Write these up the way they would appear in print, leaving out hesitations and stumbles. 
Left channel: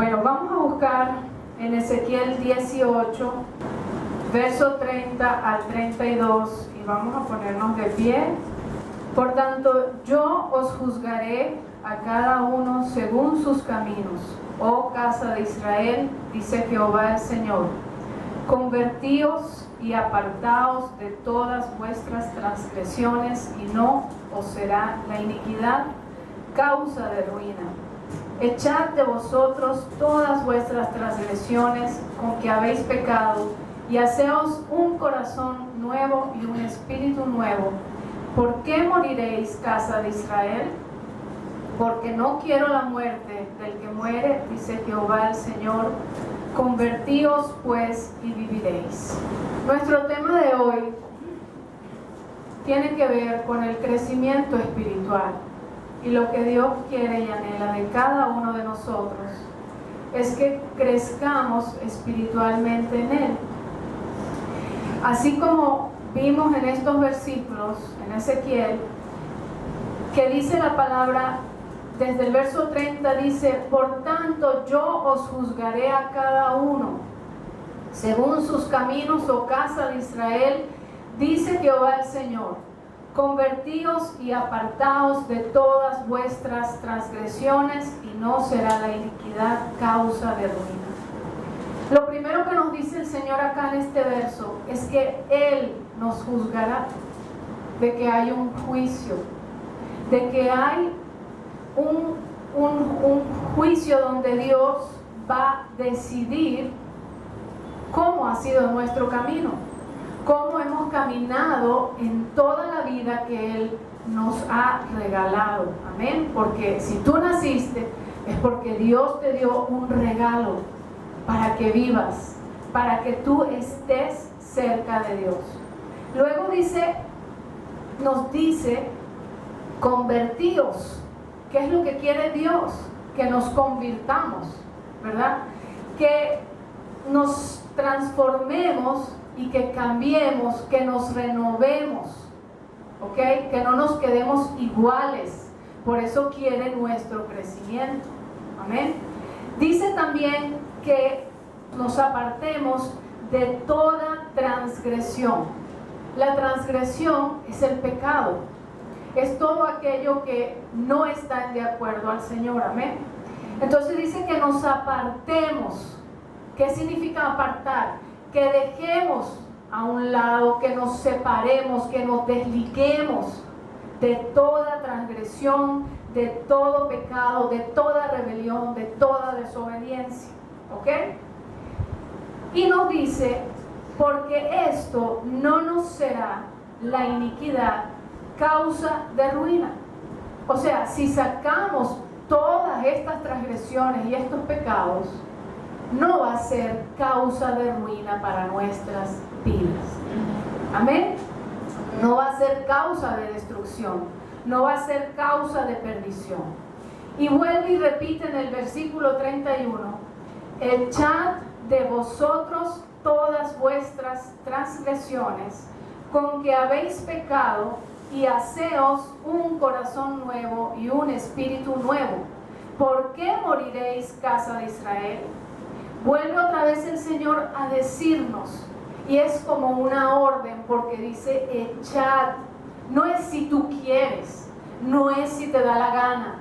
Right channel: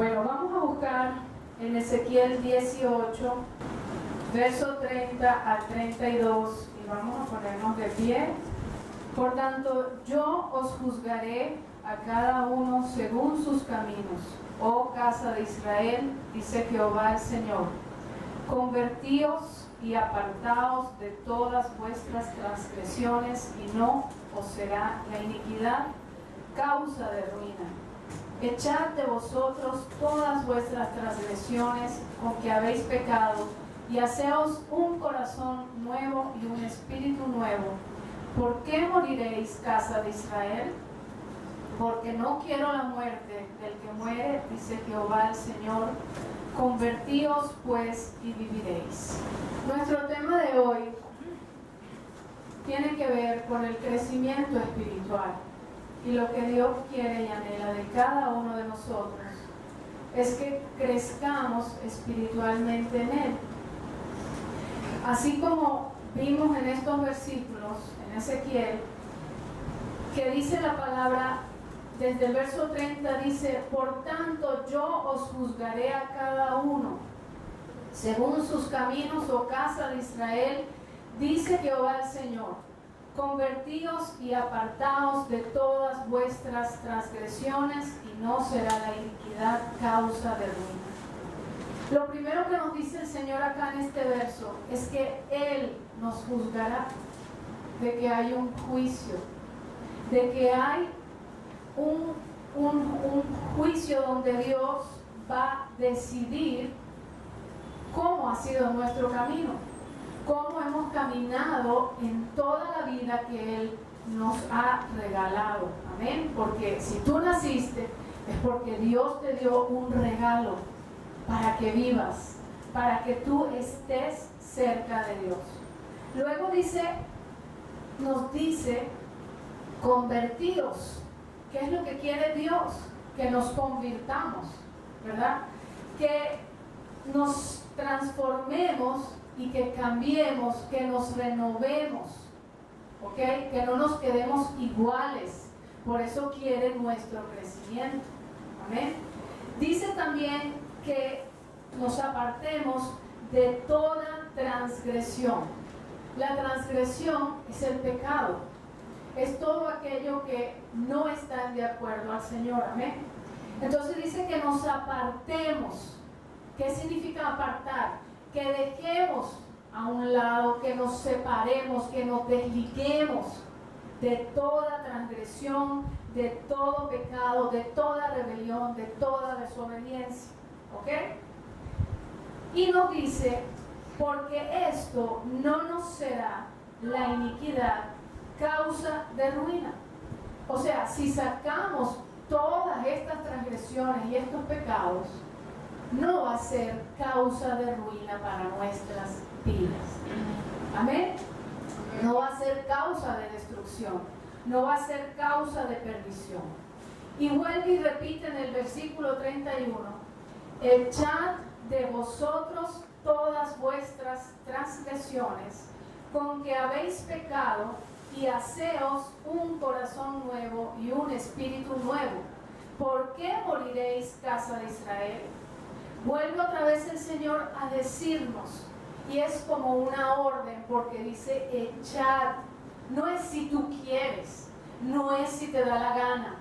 Bueno, vamos a buscar en Ezequiel 18, verso 30 al 32, y vamos a ponernos de pie. Por tanto, yo os juzgaré a cada uno según sus caminos, oh casa de Israel, dice Jehová el Señor. Convertíos y apartaos de todas vuestras transgresiones, y no os será la iniquidad causa de ruina. Echad de vosotros todas vuestras transgresiones con que habéis pecado, y haceos un corazón nuevo y un espíritu nuevo. ¿Por qué moriréis, casa de Israel? Porque no quiero la muerte del que muere, dice Jehová el Señor. Convertíos pues y viviréis. Nuestro tema de hoy tiene que ver con el crecimiento espiritual. Y lo que Dios quiere y anhela de cada uno de nosotros es que crezcamos espiritualmente en Él. Así como vimos en estos versículos, en Ezequiel, que dice la palabra, desde el verso 30 dice: por tanto yo os juzgaré a cada uno según sus caminos, oh casa de Israel, dice Jehová el Señor. Convertíos y apartaos de todas vuestras transgresiones, y no será la iniquidad causa de ruina. Lo primero que nos dice el Señor acá en este verso es que Él nos juzgará, de que hay un juicio, de que hay un juicio donde Dios va a decidir cómo ha sido nuestro camino, cómo hemos caminado en toda la vida que Él nos ha regalado. Amén. Porque si tú naciste, es porque Dios te dio un regalo para que vivas, para que tú estés cerca de Dios. Luego nos dice, convertíos. ¿Qué es lo que quiere Dios? Que nos convirtamos, ¿verdad? Que nos transformemos y que cambiemos, que nos renovemos, ¿ok? Que no nos quedemos iguales. Por eso quiere nuestro crecimiento. Amén. Dice también que nos apartemos de toda transgresión. La transgresión es el pecado. Es todo aquello que no está de acuerdo al Señor. Amén. Entonces dice que nos apartemos. ¿Qué significa apartar? Que dejemos a un lado, que nos separemos, que nos desliguemos de toda transgresión, de todo pecado, de toda rebelión, de toda desobediencia. ¿Ok? Y nos dice, porque esto no nos será la iniquidad causa de ruina. O sea, si sacamos todas estas transgresiones y estos pecados, no va a ser causa de ruina para nuestras vidas. Amén. No va a ser causa de destrucción, no va a ser causa de perdición. Y vuelve y repite en el versículo 31: echad de vosotros todas vuestras transgresiones con que habéis pecado, y haceos un corazón nuevo y un espíritu nuevo. ¿Por qué moriréis, casa de Israel? Vuelve otra vez el Señor a decirnos, y es como una orden, porque dice echad. No es si tú quieres, no es si te da la gana,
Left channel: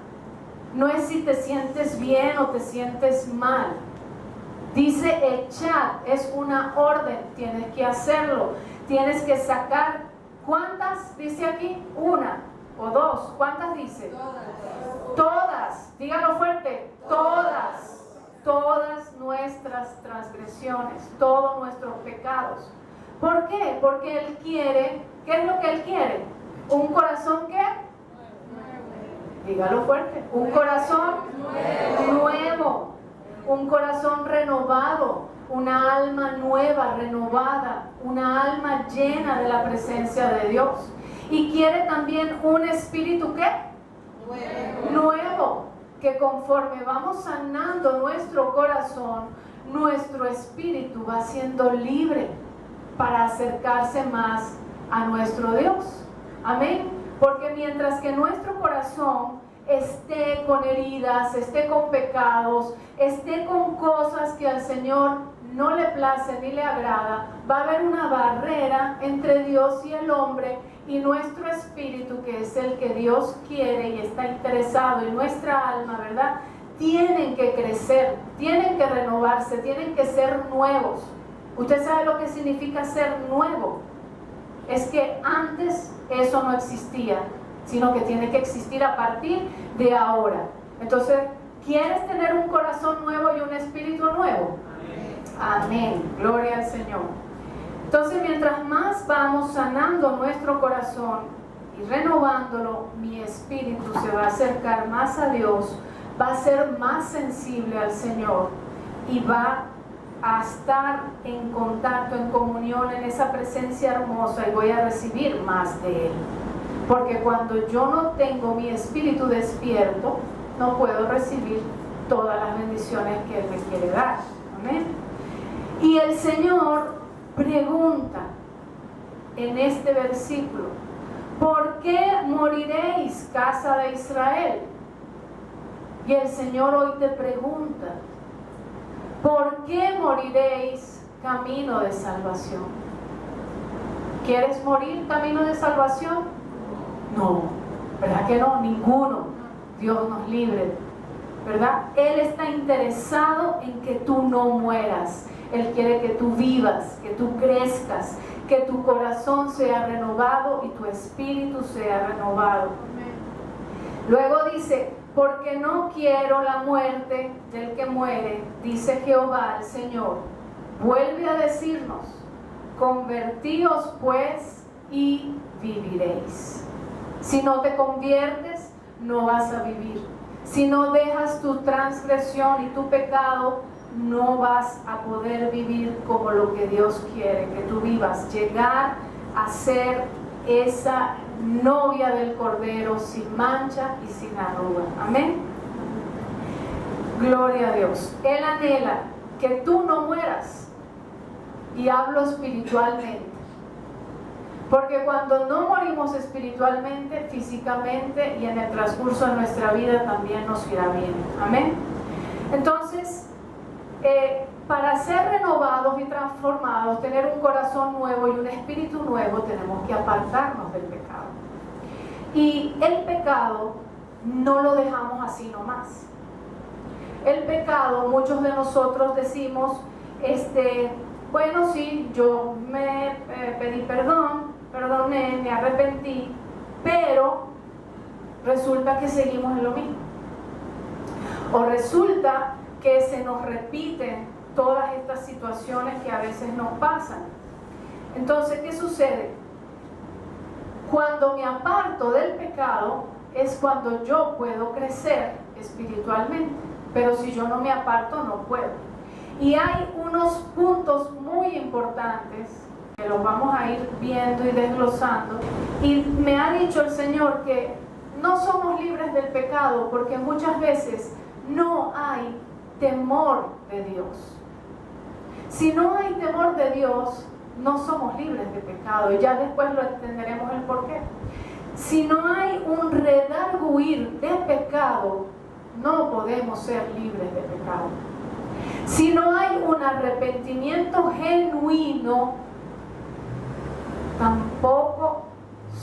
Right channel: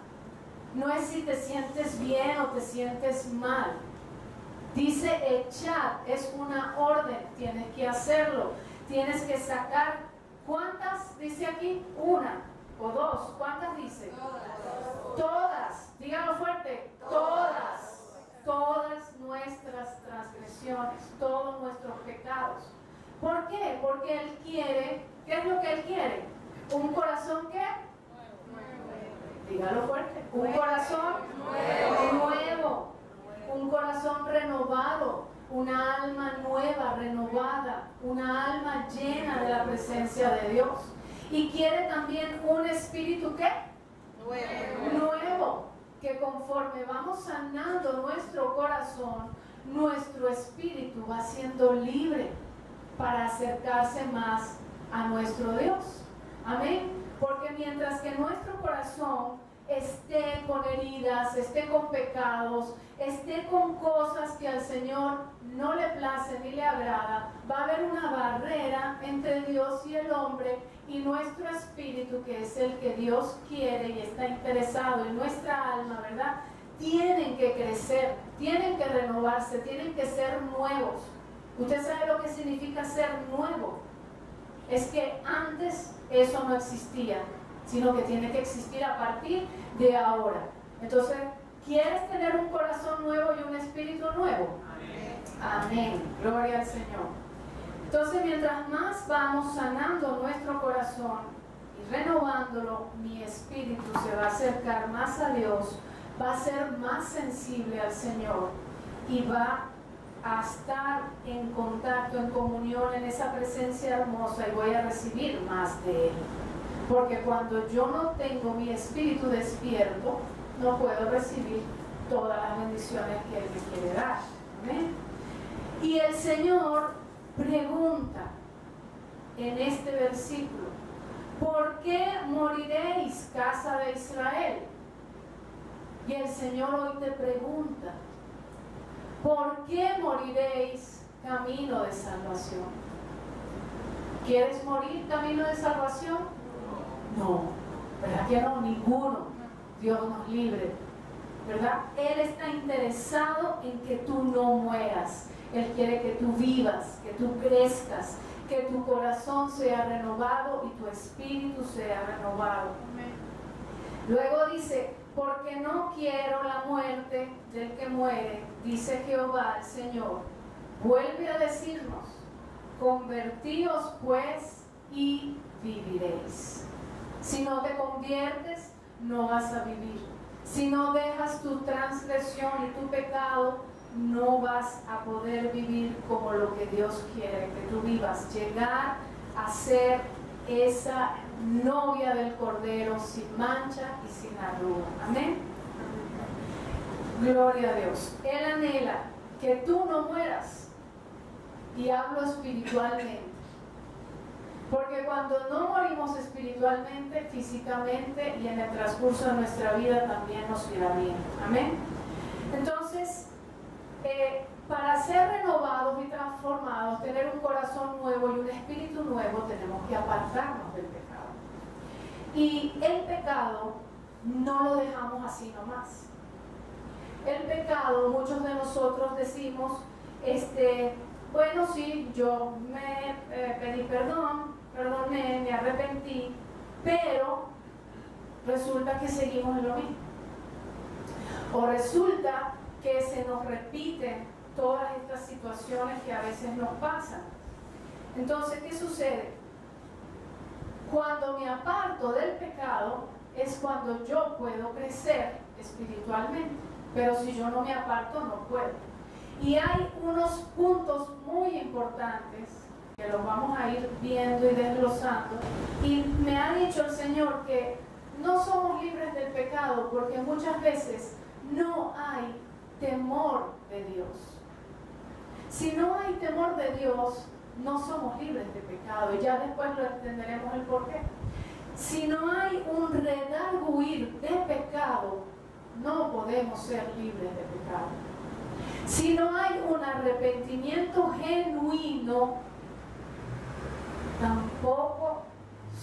no es si te sientes bien o te sientes mal. Dice echad, es una orden, tienes que hacerlo, tienes que sacar. ¿Cuántas dice aquí? Una o dos. ¿Cuántas dice? Todas. Dígalo fuerte. Todas. Todas nuestras transgresiones, todos nuestros pecados. ¿Por qué? Porque Él quiere, ¿qué es lo que Él quiere? ¿Un corazón qué? Dígalo fuerte. Un corazón nuevo. Un corazón renovado. Una alma nueva, renovada. Una alma llena de la presencia de Dios. Y quiere también un espíritu ¿qué? Nuevo. Que conforme vamos sanando nuestro corazón, nuestro espíritu va siendo libre para acercarse más a nuestro Dios. Amén. Porque mientras que nuestro corazón esté con heridas, esté con pecados, esté con cosas que al Señor no le place ni le agrada, va a haber una barrera entre Dios y el hombre, y nuestro espíritu, que es el que Dios quiere y está interesado, y nuestra alma, ¿verdad?, tienen que crecer, tienen que renovarse, tienen que ser nuevos. Usted sabe lo que significa ser nuevo. Es que antes eso no existía, sino que tiene que existir a partir de ahora. Entonces, ¿quieres tener un corazón nuevo y un espíritu nuevo? Amén. Amén. Gloria al Señor. Entonces, mientras más vamos sanando nuestro corazón y renovándolo, mi espíritu se va a acercar más a Dios, va a ser más sensible al Señor y va a estar en contacto, en comunión, en esa presencia hermosa, y voy a recibir más de Él. Porque cuando yo no tengo mi espíritu despierto, no puedo recibir todas las bendiciones que Él me quiere dar. Amén. Y el Señor pregunta en este versículo: ¿por qué moriréis, casa de Israel? Y el Señor hoy te pregunta: ¿por qué moriréis, camino de salvación? ¿Quieres morir camino de salvación? No, ¿verdad que no? Ninguno. Dios nos libre, ¿verdad? Él está interesado en que tú no mueras. Él quiere que tú vivas, que tú crezcas, que tu corazón sea renovado y tu espíritu sea renovado. Luego dice: porque no quiero la muerte del que muere, dice Jehová el Señor. Vuelve a decirnos: convertíos pues y viviréis. Si no te conviertes, no vas a vivir. Si no dejas tu transgresión y tu pecado, no vas a poder vivir como lo que Dios quiere que tú vivas. Llegar a ser esa novia del Cordero sin mancha y sin arruga. Amén. Gloria a Dios. Él anhela que tú no mueras, y hablo espiritualmente, porque cuando no morimos espiritualmente, físicamente y en el transcurso de nuestra vida también nos irá bien. Amén. Entonces, para ser renovados y transformados, tener un corazón nuevo y un espíritu nuevo, tenemos que apartarnos del pecado. Y el pecado no lo dejamos así nomás. El pecado, muchos de nosotros decimos, bueno, sí, yo me pedí perdón, perdoné, me arrepentí, pero resulta que seguimos en lo mismo. O resulta que se nos repiten todas estas situaciones que a veces nos pasan. Entonces, ¿qué sucede? Cuando me aparto del pecado es cuando yo puedo crecer espiritualmente, pero si yo no me aparto no puedo. Y hay unos puntos muy importantes que los vamos a ir viendo y desglosando, y me ha dicho el Señor que no somos libres del pecado porque muchas veces no hay temor de Dios. Si no hay temor de Dios, no somos libres de pecado, y ya después lo entenderemos el porqué. Si no hay un redarguir de pecado, no podemos ser libres de pecado. Si no hay un arrepentimiento genuino, tampoco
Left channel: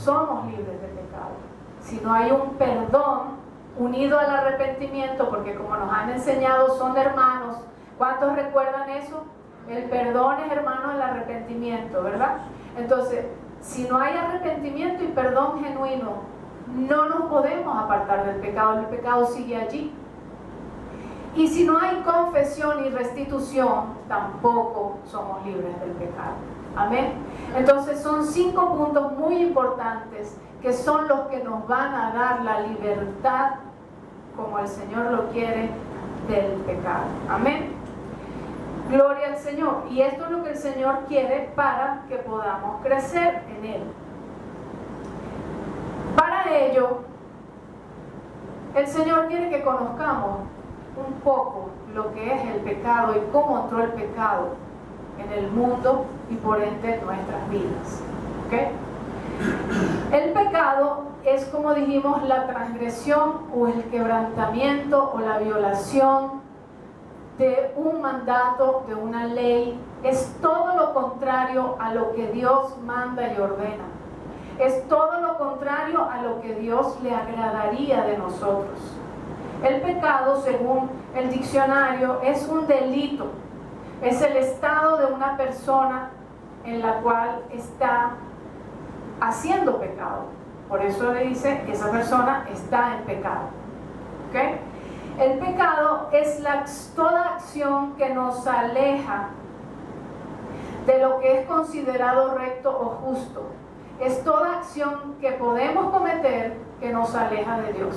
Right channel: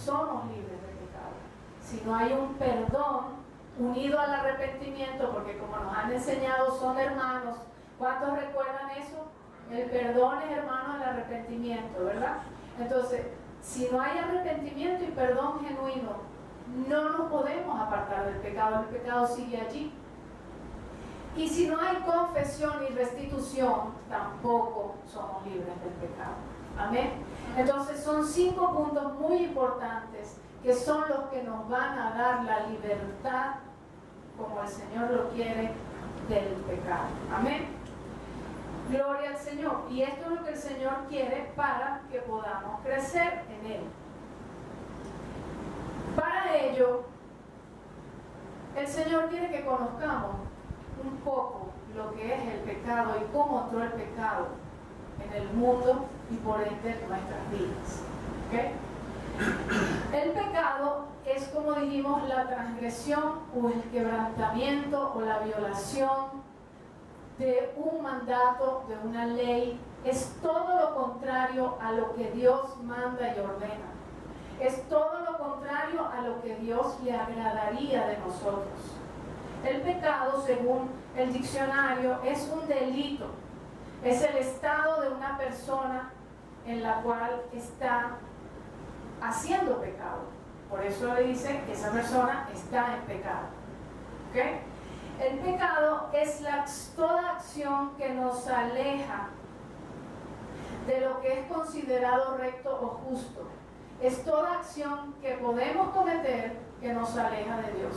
somos libres de pecado. Si no hay un perdón unido al arrepentimiento, porque como nos han enseñado son hermanos. ¿Cuántos recuerdan eso? El perdón es hermano del arrepentimiento, ¿verdad? Entonces, si no hay arrepentimiento y perdón genuino, no nos podemos apartar del pecado. El pecado sigue allí. Y si no hay confesión y restitución, tampoco somos libres del pecado. Amén. Entonces son 5 puntos muy importantes que son los que nos van a dar la libertad, como el Señor lo quiere, del pecado. Amén. Gloria al Señor. Y esto es lo que el Señor quiere para que podamos crecer en Él. Para ello, el Señor quiere que conozcamos un poco lo que es el pecado y cómo entró el pecado en el mundo y por ende en nuestras vidas. ¿Okay? El pecado pecado es, como dijimos, la transgresión o el quebrantamiento o la violación de un mandato, de una ley. Es todo lo contrario a lo que Dios manda y ordena. Es todo lo contrario a lo que Dios le agradaría de nosotros. El pecado, según el diccionario, es un delito. Es el estado de una persona en la cual está haciendo pecado. Por eso le dice que esa persona está en pecado. ¿Okay? El pecado es toda acción que nos aleja de lo que es considerado recto o justo. Es toda acción que podemos cometer que nos aleja de Dios,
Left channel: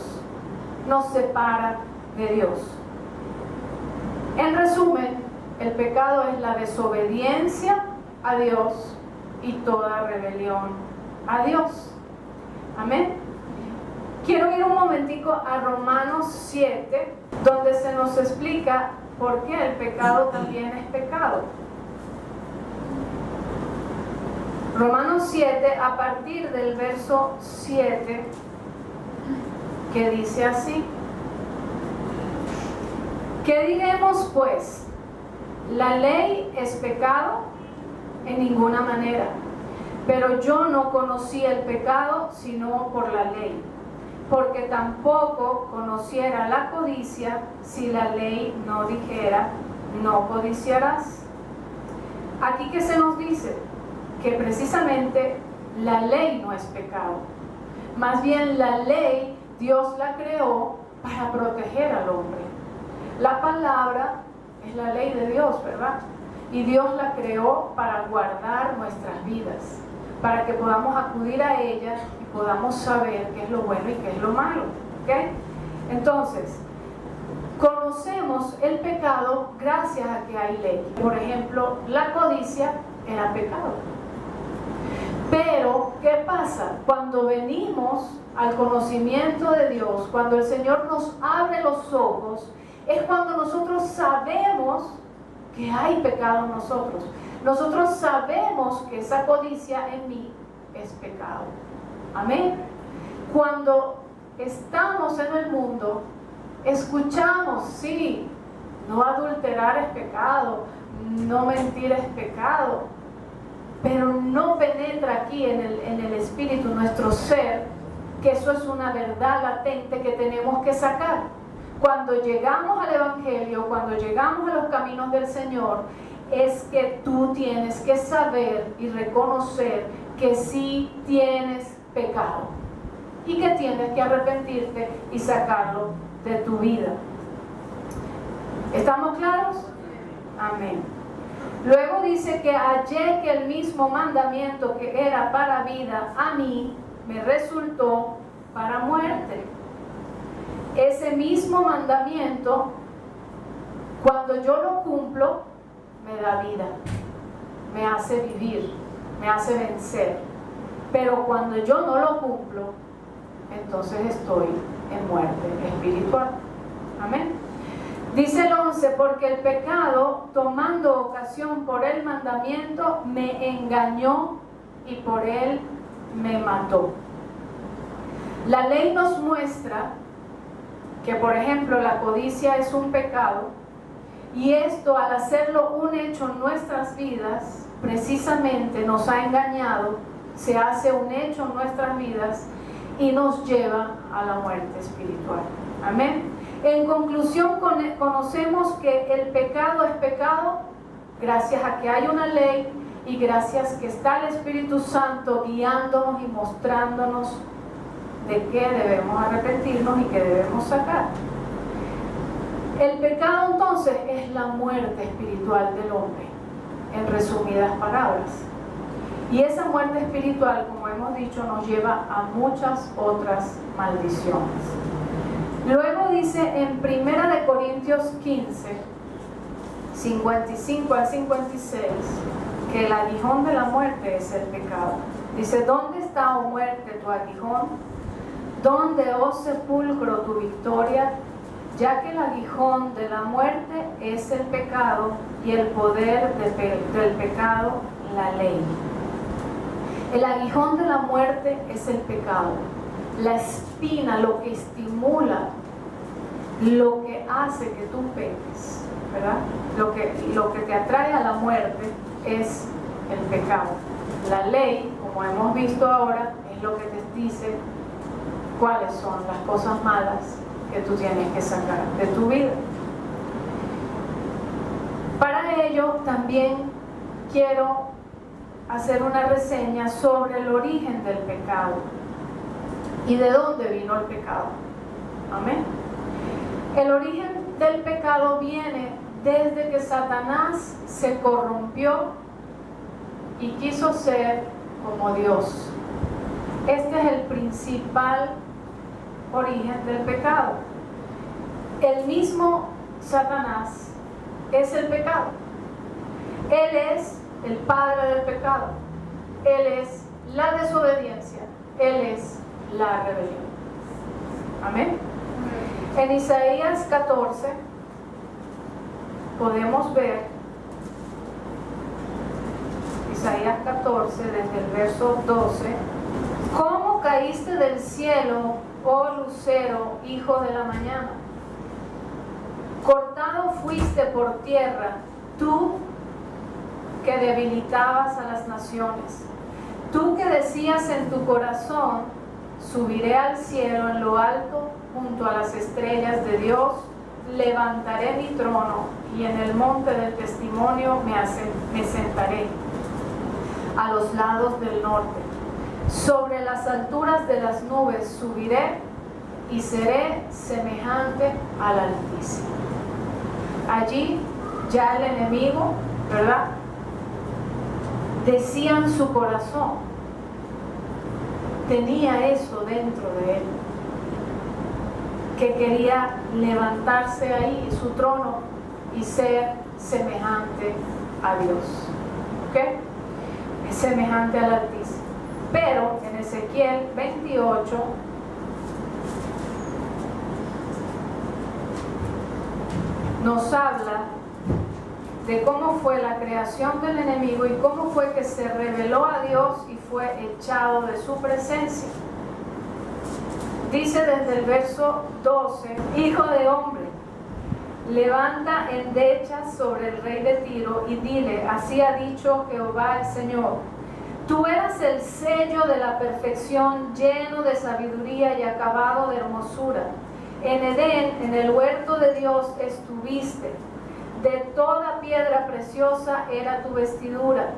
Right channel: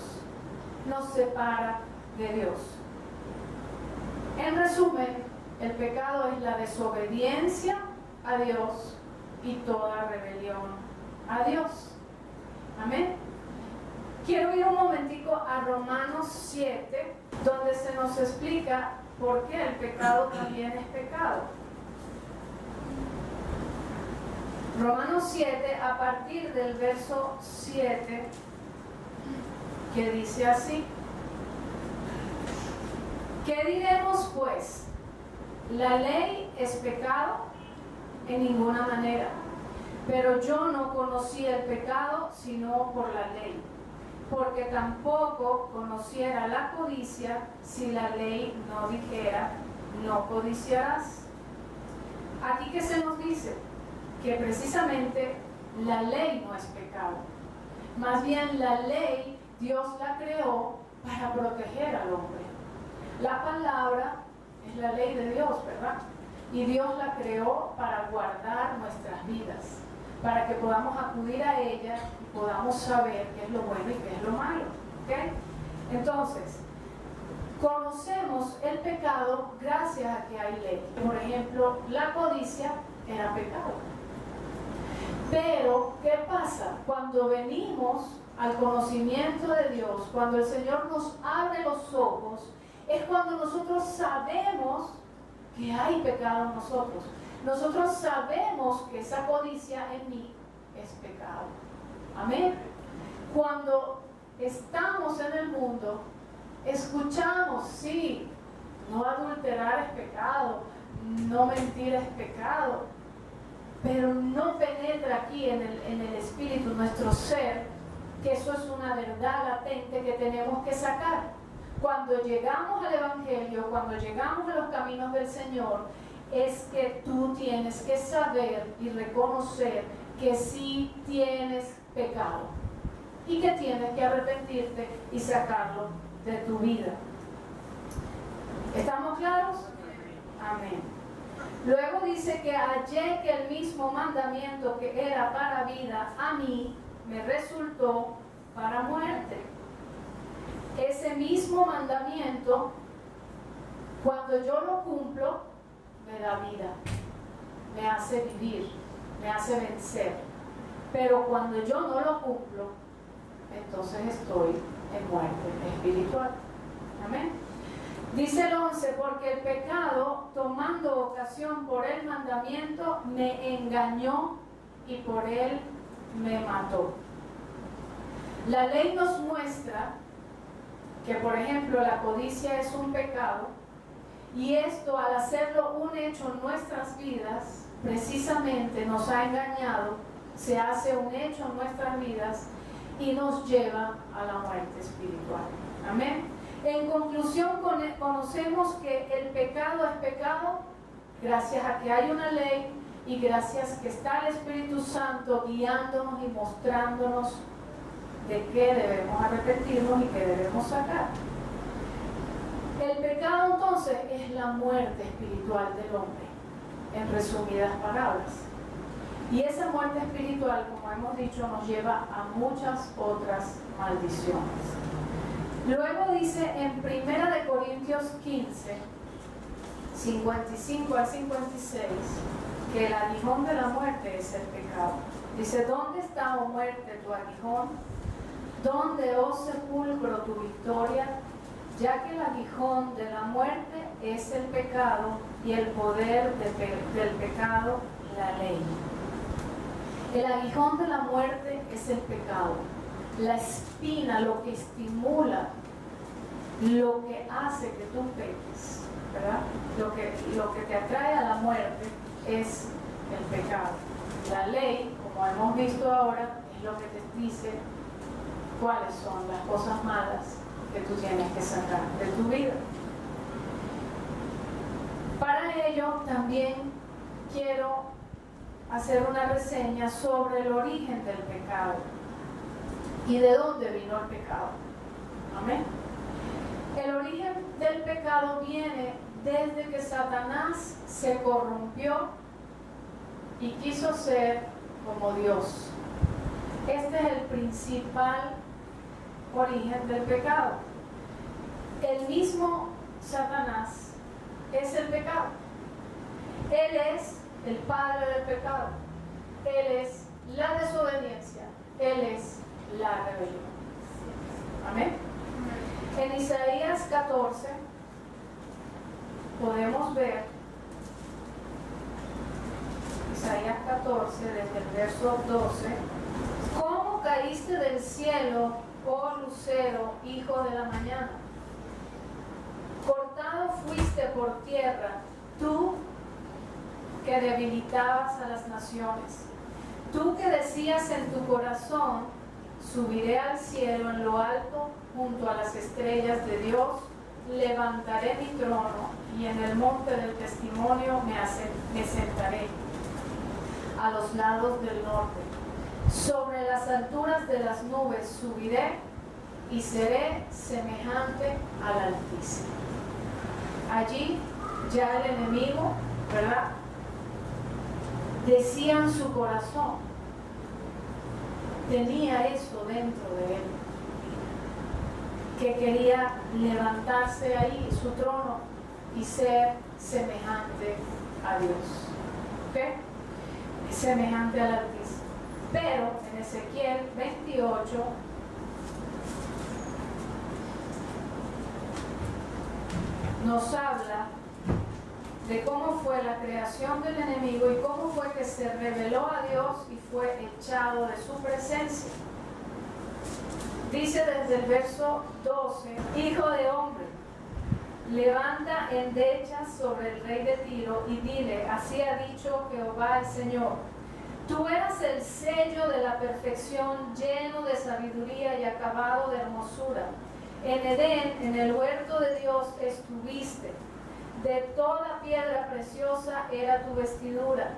nos separa de Dios. En resumen, el pecado es la desobediencia a Dios y toda rebelión a Dios. Amén. Quiero ir un momentico a Romanos 7, donde se nos explica por qué el pecado también es pecado. Romanos 7, a partir del verso 7, que dice así: ¿qué diremos pues? ¿La ley es pecado? En ninguna manera. Pero yo no conocí el pecado sino por la ley, porque tampoco conociera la codicia si la ley no dijera: no codiciarás. Aquí que se nos dice que precisamente la ley no es pecado. Más bien la ley Dios la creó para proteger al hombre. La palabra es la ley de Dios, ¿verdad? Y Dios la creó para guardar nuestras vidas, para que podamos acudir a ella y podamos saber qué es lo bueno y qué es lo malo. ¿Okay? Entonces, conocemos el pecado gracias a que hay ley. Por ejemplo, la codicia era pecado. Pero, ¿qué pasa? Cuando venimos al conocimiento de Dios, cuando el Señor nos abre los ojos, es cuando nosotros sabemos que hay pecado en nosotros. Nosotros sabemos que esa codicia en mí es pecado. Amén. Cuando estamos en el mundo, escuchamos, sí, no adulterar es pecado, no mentir es pecado, pero no penetra aquí en el espíritu, nuestro ser, que eso es una verdad latente que tenemos que sacar. Cuando llegamos al Evangelio, cuando llegamos a los caminos del Señor, es que tú tienes que saber y reconocer que sí tienes pecado y que tienes que arrepentirte y sacarlo de tu vida. ¿Estamos claros? Amén. Luego dice que hallé que el mismo mandamiento que era para vida a mí me resultó para muerte. Ese mismo mandamiento, cuando yo lo cumplo, me da vida, me hace vivir, me hace vencer. Pero cuando yo no lo cumplo, entonces estoy en muerte espiritual. Amén. Dice el 11, porque el pecado, tomando ocasión por el mandamiento, me engañó y por él me mató. La ley nos muestra que, por ejemplo, la codicia es un pecado, y esto, al hacerlo un hecho en nuestras vidas, precisamente nos ha engañado, se hace un hecho en nuestras vidas y nos lleva a la muerte espiritual. Amén. En conclusión, conocemos que el pecado es pecado gracias a que hay una ley y gracias que está el Espíritu Santo guiándonos y mostrándonos de qué debemos arrepentirnos y qué debemos sacar. El pecado entonces es la muerte espiritual del hombre, en resumidas palabras. Y esa muerte espiritual, como hemos dicho, nos lleva a muchas otras maldiciones. Luego dice en 1 Corintios 15, 55 al 56, que el aguijón de la muerte es el pecado. Dice: ¿dónde está, oh muerte, tu aguijón? ¿Dónde, oh sepulcro, tu victoria? Ya que el aguijón de la muerte es el pecado y el poder del pecado, la ley. El aguijón de la muerte es el pecado. La espina, lo que estimula, lo que hace que tú peques, ¿verdad? Lo que te atrae a la muerte es el pecado. La ley, como hemos visto ahora, es lo que te dice cuáles son las cosas malas que tú tienes que sacar de tu vida. Para ello también quiero hacer una reseña sobre el origen del pecado y de dónde vino el pecado. Amén. El origen del pecado viene desde que Satanás se corrompió y quiso ser como Dios. Este es el principal origen del pecado. El mismo Satanás es el pecado. Él es el padre del pecado. Él es la desobediencia. Él es la rebelión. Amén. En Isaías 14 podemos ver, Isaías 14 desde el verso 12, ¿cómo caíste del cielo, oh lucero, hijo de la mañana? Cortado fuiste por tierra, tú que debilitabas a las naciones, tú que decías en tu corazón, subiré al cielo en lo alto, junto a las estrellas de Dios, levantaré mi trono y en el monte del testimonio me sentaré a los lados del norte. Sobre las alturas de las nubes subiré y seré semejante al Altísimo. Allí ya el enemigo, ¿verdad?, decía en su corazón, tenía eso dentro de él, que quería levantarse ahí en su trono y ser semejante a Dios. ¿Ok? Es semejante al Altísimo. Pero en Ezequiel 28 nos habla de cómo fue la creación del enemigo y cómo fue que se rebeló a Dios y fue echado de su presencia. Dice desde el verso 12, hijo de hombre, levanta endechas sobre el rey de Tiro y dile, así ha dicho Jehová el Señor, tú eras el sello de la perfección, lleno de sabiduría y acabado de hermosura. En Edén, en el huerto de Dios, estuviste. De toda piedra preciosa era tu vestidura,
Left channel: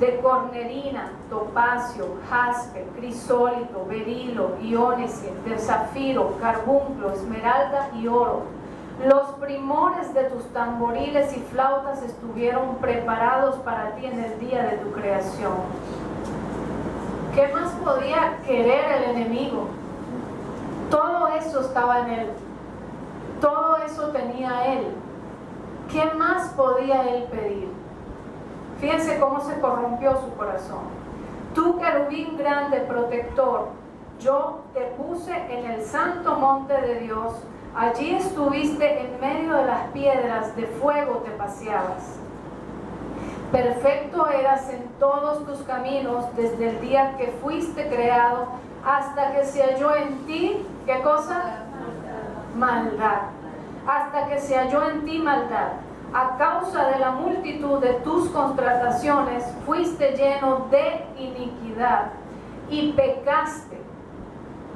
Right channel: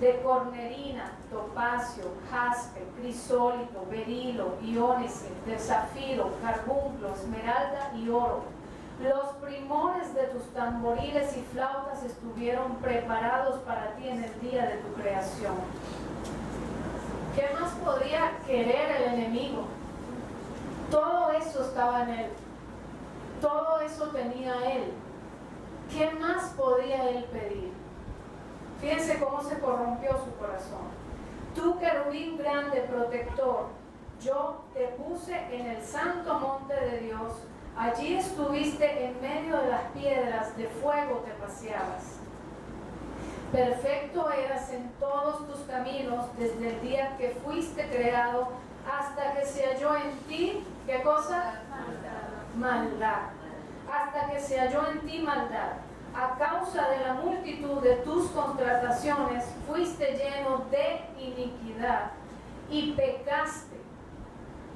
de cornerina, topacio, jaspe, crisólito, berilo, iónice, de zafiro, carbunclo, esmeralda y oro. Los primores de tus tamboriles y flautas estuvieron preparados para ti en el día de tu creación. ¿Qué más podía querer el enemigo? Todo eso estaba en él. Todo eso tenía él. ¿Qué más podía él pedir? Fíjense cómo se corrompió su corazón. Tú, querubín grande, protector, yo te puse en el santo monte de Dios. Allí estuviste en medio de las piedras, de fuego te paseabas. Perfecto eras en todos tus caminos desde el día que fuiste creado hasta que se halló en ti, ¿qué cosa? Maldad. Hasta que se halló en ti maldad. A causa de la multitud de tus contrataciones fuiste lleno de iniquidad y pecaste,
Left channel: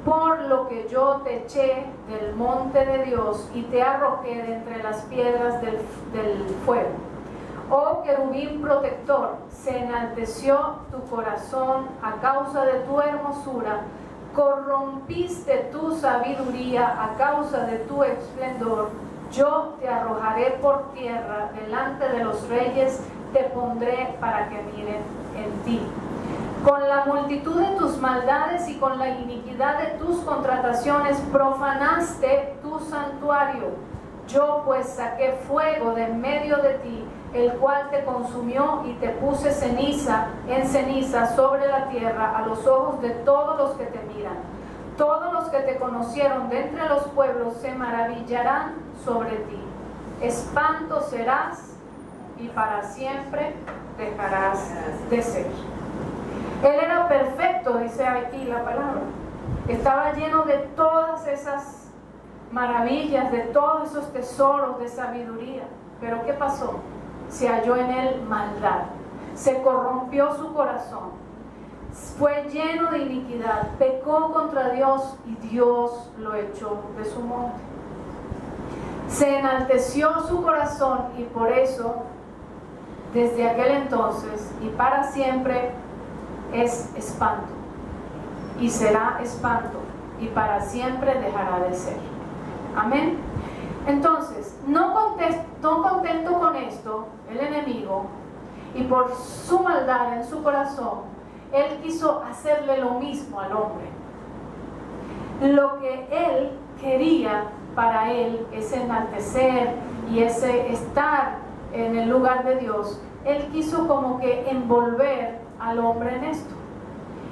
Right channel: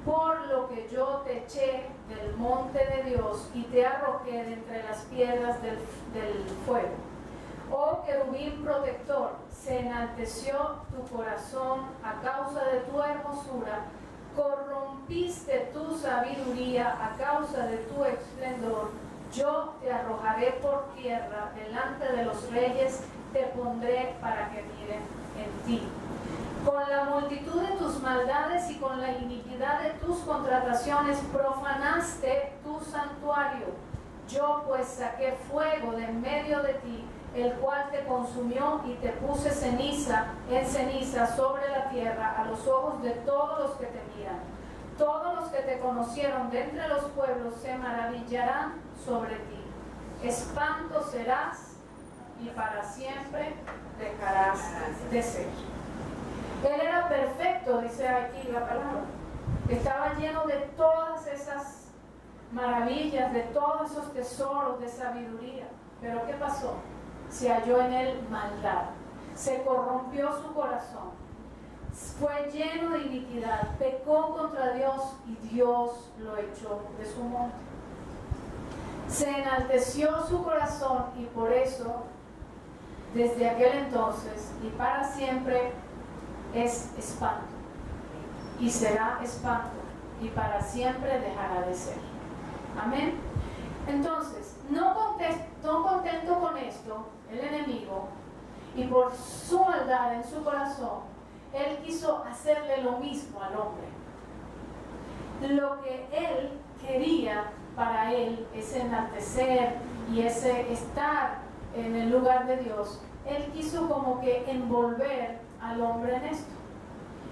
por lo que yo te eché del monte de Dios y te arrojé de entre las piedras del fuego. Oh querubín protector, se enalteció tu corazón a causa de tu hermosura, corrompiste tu sabiduría a causa de tu esplendor. Yo te arrojaré por tierra delante de los reyes, te pondré para que miren en ti. Con la multitud de tus maldades y con la iniquidad de tus contrataciones profanaste tu santuario. Yo pues saqué fuego de en medio de ti, el cual te consumió y te puse ceniza en ceniza sobre la tierra a los ojos de todos los que te miran. Todos los que te conocieron de entre los pueblos se maravillarán sobre ti. Espanto serás y para siempre dejarás de ser. Él era perfecto, dice aquí la palabra. Estaba lleno de todas esas maravillas, de todos esos tesoros de sabiduría. Pero ¿qué pasó? Se halló en él maldad. Se corrompió su corazón. Fue lleno de iniquidad. Pecó contra Dios y Dios lo echó de su monte. Se enalteció su corazón y por eso, desde aquel entonces y para siempre, es espanto. Y será espanto. Y para siempre dejará de ser. Amén. Entonces, no contento con esto, el enemigo, y por su maldad en su corazón, él quiso hacerle lo mismo al hombre. Lo que él quería para él, ese enaltecer y ese estar en el lugar de Dios, él quiso como que envolver al hombre en esto.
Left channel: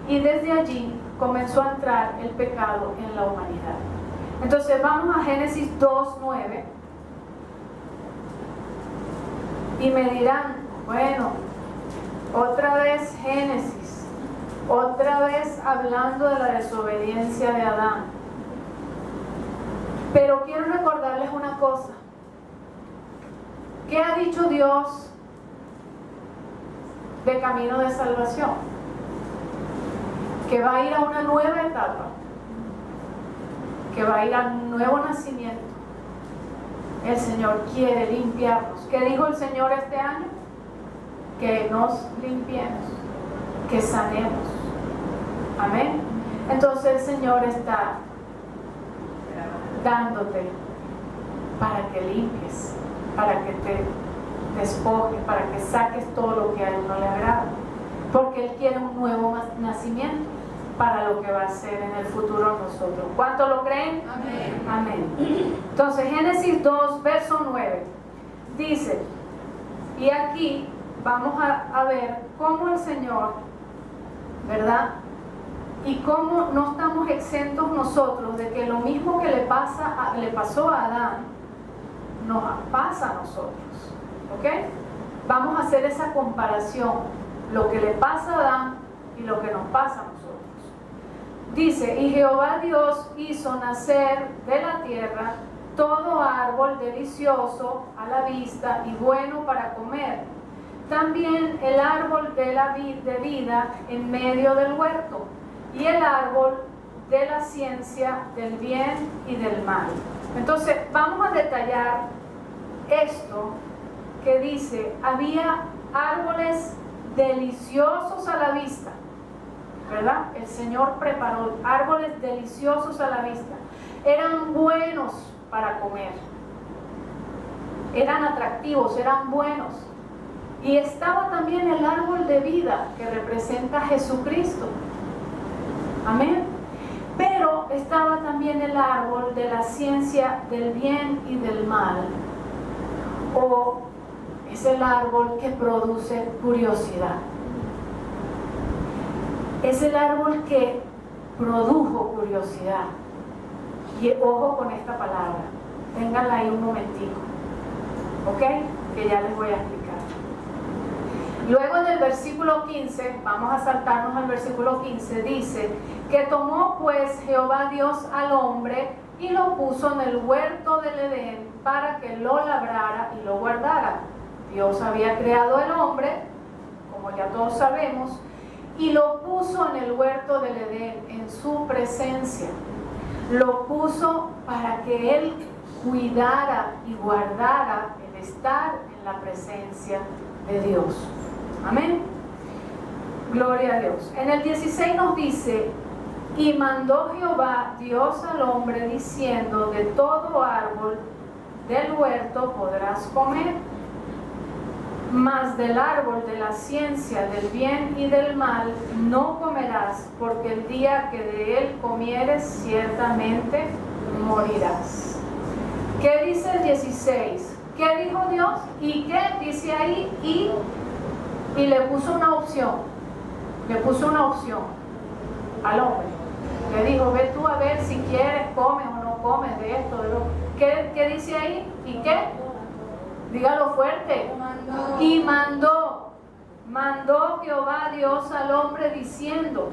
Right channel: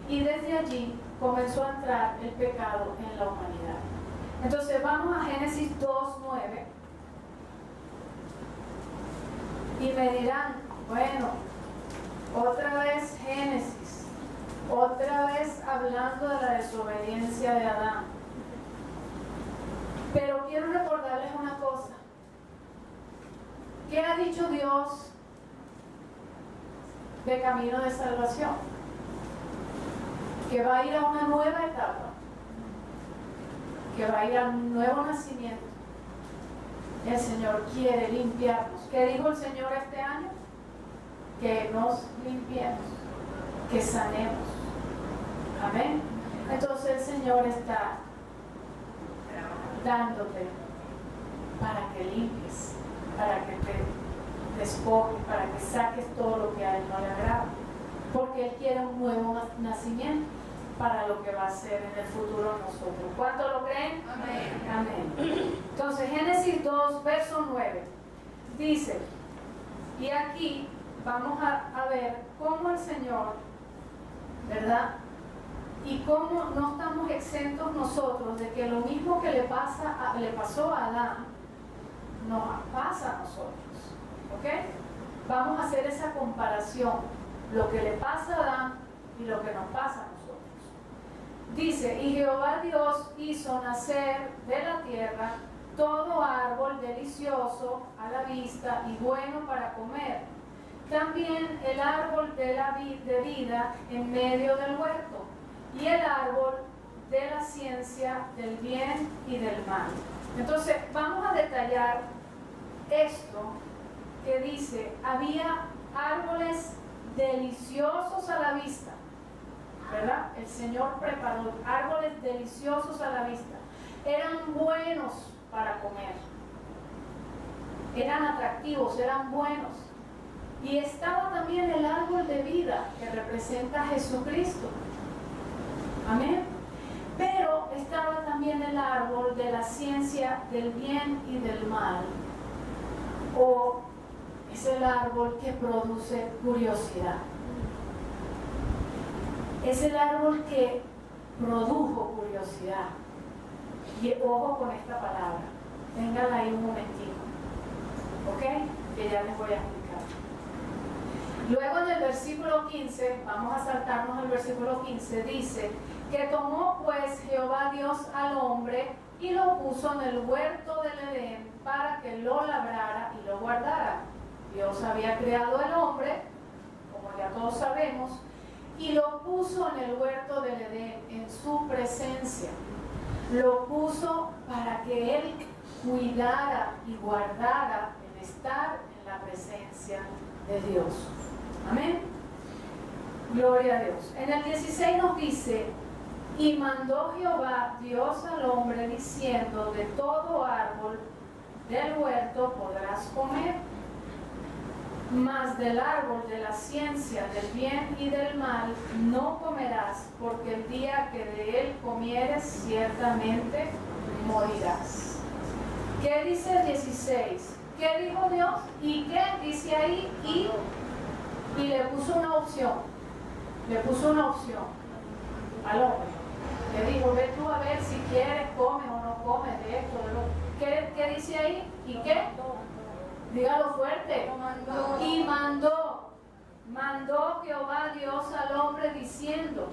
Y desde allí comenzó a entrar el pecado en la humanidad. Entonces vamos a Génesis 2:9 y me dirán, bueno, otra vez Génesis, otra vez hablando de la desobediencia de Adán. Pero quiero recordarles una cosa. ¿Qué ha dicho Dios de camino de salvación? Que va a ir a una nueva etapa, que va a ir a un nuevo nacimiento. El Señor quiere limpiarnos. ¿Qué dijo el Señor este año? Que nos limpiemos, que sanemos. Amén. Entonces el Señor está dándote para que limpies, para que te despojes, para que saques todo lo que a Él no le agrada. Porque Él quiere un nuevo nacimiento para lo que va a ser en el futuro nosotros. ¿Cuánto lo creen? Amén. Amén. Entonces Génesis 2, verso 9 dice, y aquí vamos a ver cómo el Señor, ¿verdad? Y cómo no estamos exentos nosotros de que lo mismo que le pasó a Adán nos pasa a nosotros. ¿Ok? Vamos a hacer esa comparación, lo que le pasa a Adán y lo que nos pasa a nosotros. Dice, y Jehová Dios hizo nacer de la tierra todo árbol delicioso a la vista y bueno para comer. También el árbol de vida en medio del huerto y el árbol de la ciencia del bien y del mal. Entonces vamos a detallar esto que dice, había árboles deliciosos a la vista, ¿verdad? El Señor preparó árboles deliciosos a la vista. Eran buenos para comer. Eran atractivos, eran buenos. Y estaba también el árbol de vida que representa a Jesucristo. Amén. Pero estaba también el árbol de la ciencia del bien y del mal. O es el árbol que produce curiosidad. Es el árbol que produjo curiosidad. Y ojo con esta palabra. Ténganla ahí un momentico. ¿Ok? Que ya les voy a explicar. Luego en el versículo 15, vamos a saltarnos al versículo 15, dice que tomó pues Jehová Dios al hombre y lo puso en el huerto del Edén para que lo labrara y lo guardara. Dios había creado al hombre, como ya todos sabemos, y lo puso en el huerto del Edén, en su presencia. Lo puso para que él cuidara y guardara el estar en la presencia de Dios. Amén. Gloria a Dios. En el 16 nos dice, y mandó Jehová Dios al hombre diciendo, de todo árbol del huerto podrás comer, mas del árbol de la ciencia del bien y del mal no comerás, porque el día que de él comieres ciertamente morirás. ¿Qué dice el 16? ¿Qué dijo Dios? ¿Y qué dice ahí? Y le puso una opción. Le puso una opción al hombre. Le dijo, ve tú a ver si quieres, comes o no comes de esto, de lo. ¿Qué dice ahí? ¿Y qué? Dígalo fuerte. Mandó. Y mandó. mandó Jehová Dios al hombre diciendo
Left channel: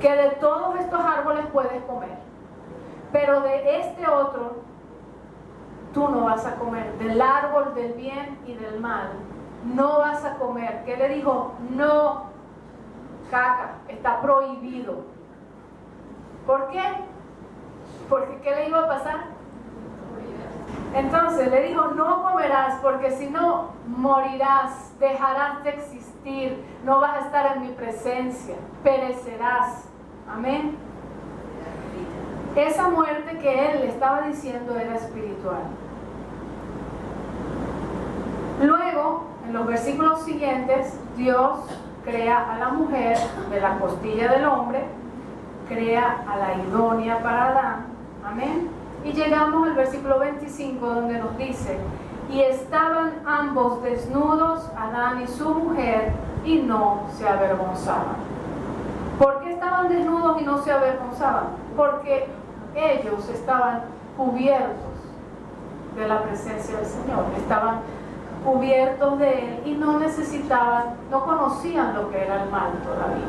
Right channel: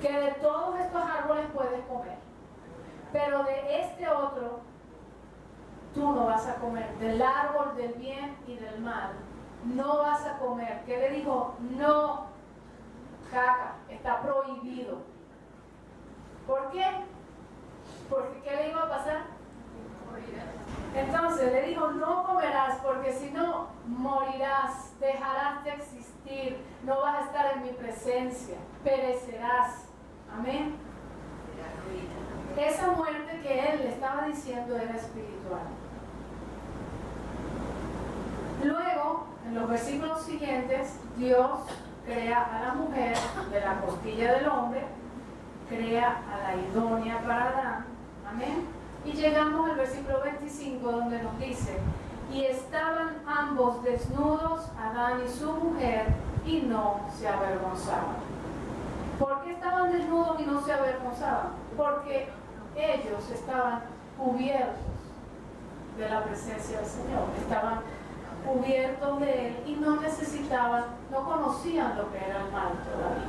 que de todos estos árboles puedes comer, pero de este otro tú no vas a comer, del árbol del bien y del mal no vas a comer. ¿Qué le dijo? No, caca, está prohibido. ¿Por qué? Porque ¿qué le iba a pasar? Entonces le dijo, no comerás, porque si no morirás, dejarás de existir, no vas a estar en mi presencia, perecerás. Amén. Esa muerte que él le estaba diciendo era espiritual. Luego, en los versículos siguientes, Dios crea a la mujer de la costilla del hombre, crea a la idónea para Adán. Amén. Y llegamos al versículo 25, donde nos dice, y estaban ambos desnudos, Adán y su mujer, y no se avergonzaban. ¿Por qué estaban desnudos y no se avergonzaban? Porque ellos estaban cubiertos de la presencia del Señor, estaban cubiertos de Él y no necesitaban, no conocían lo que era el mal todavía.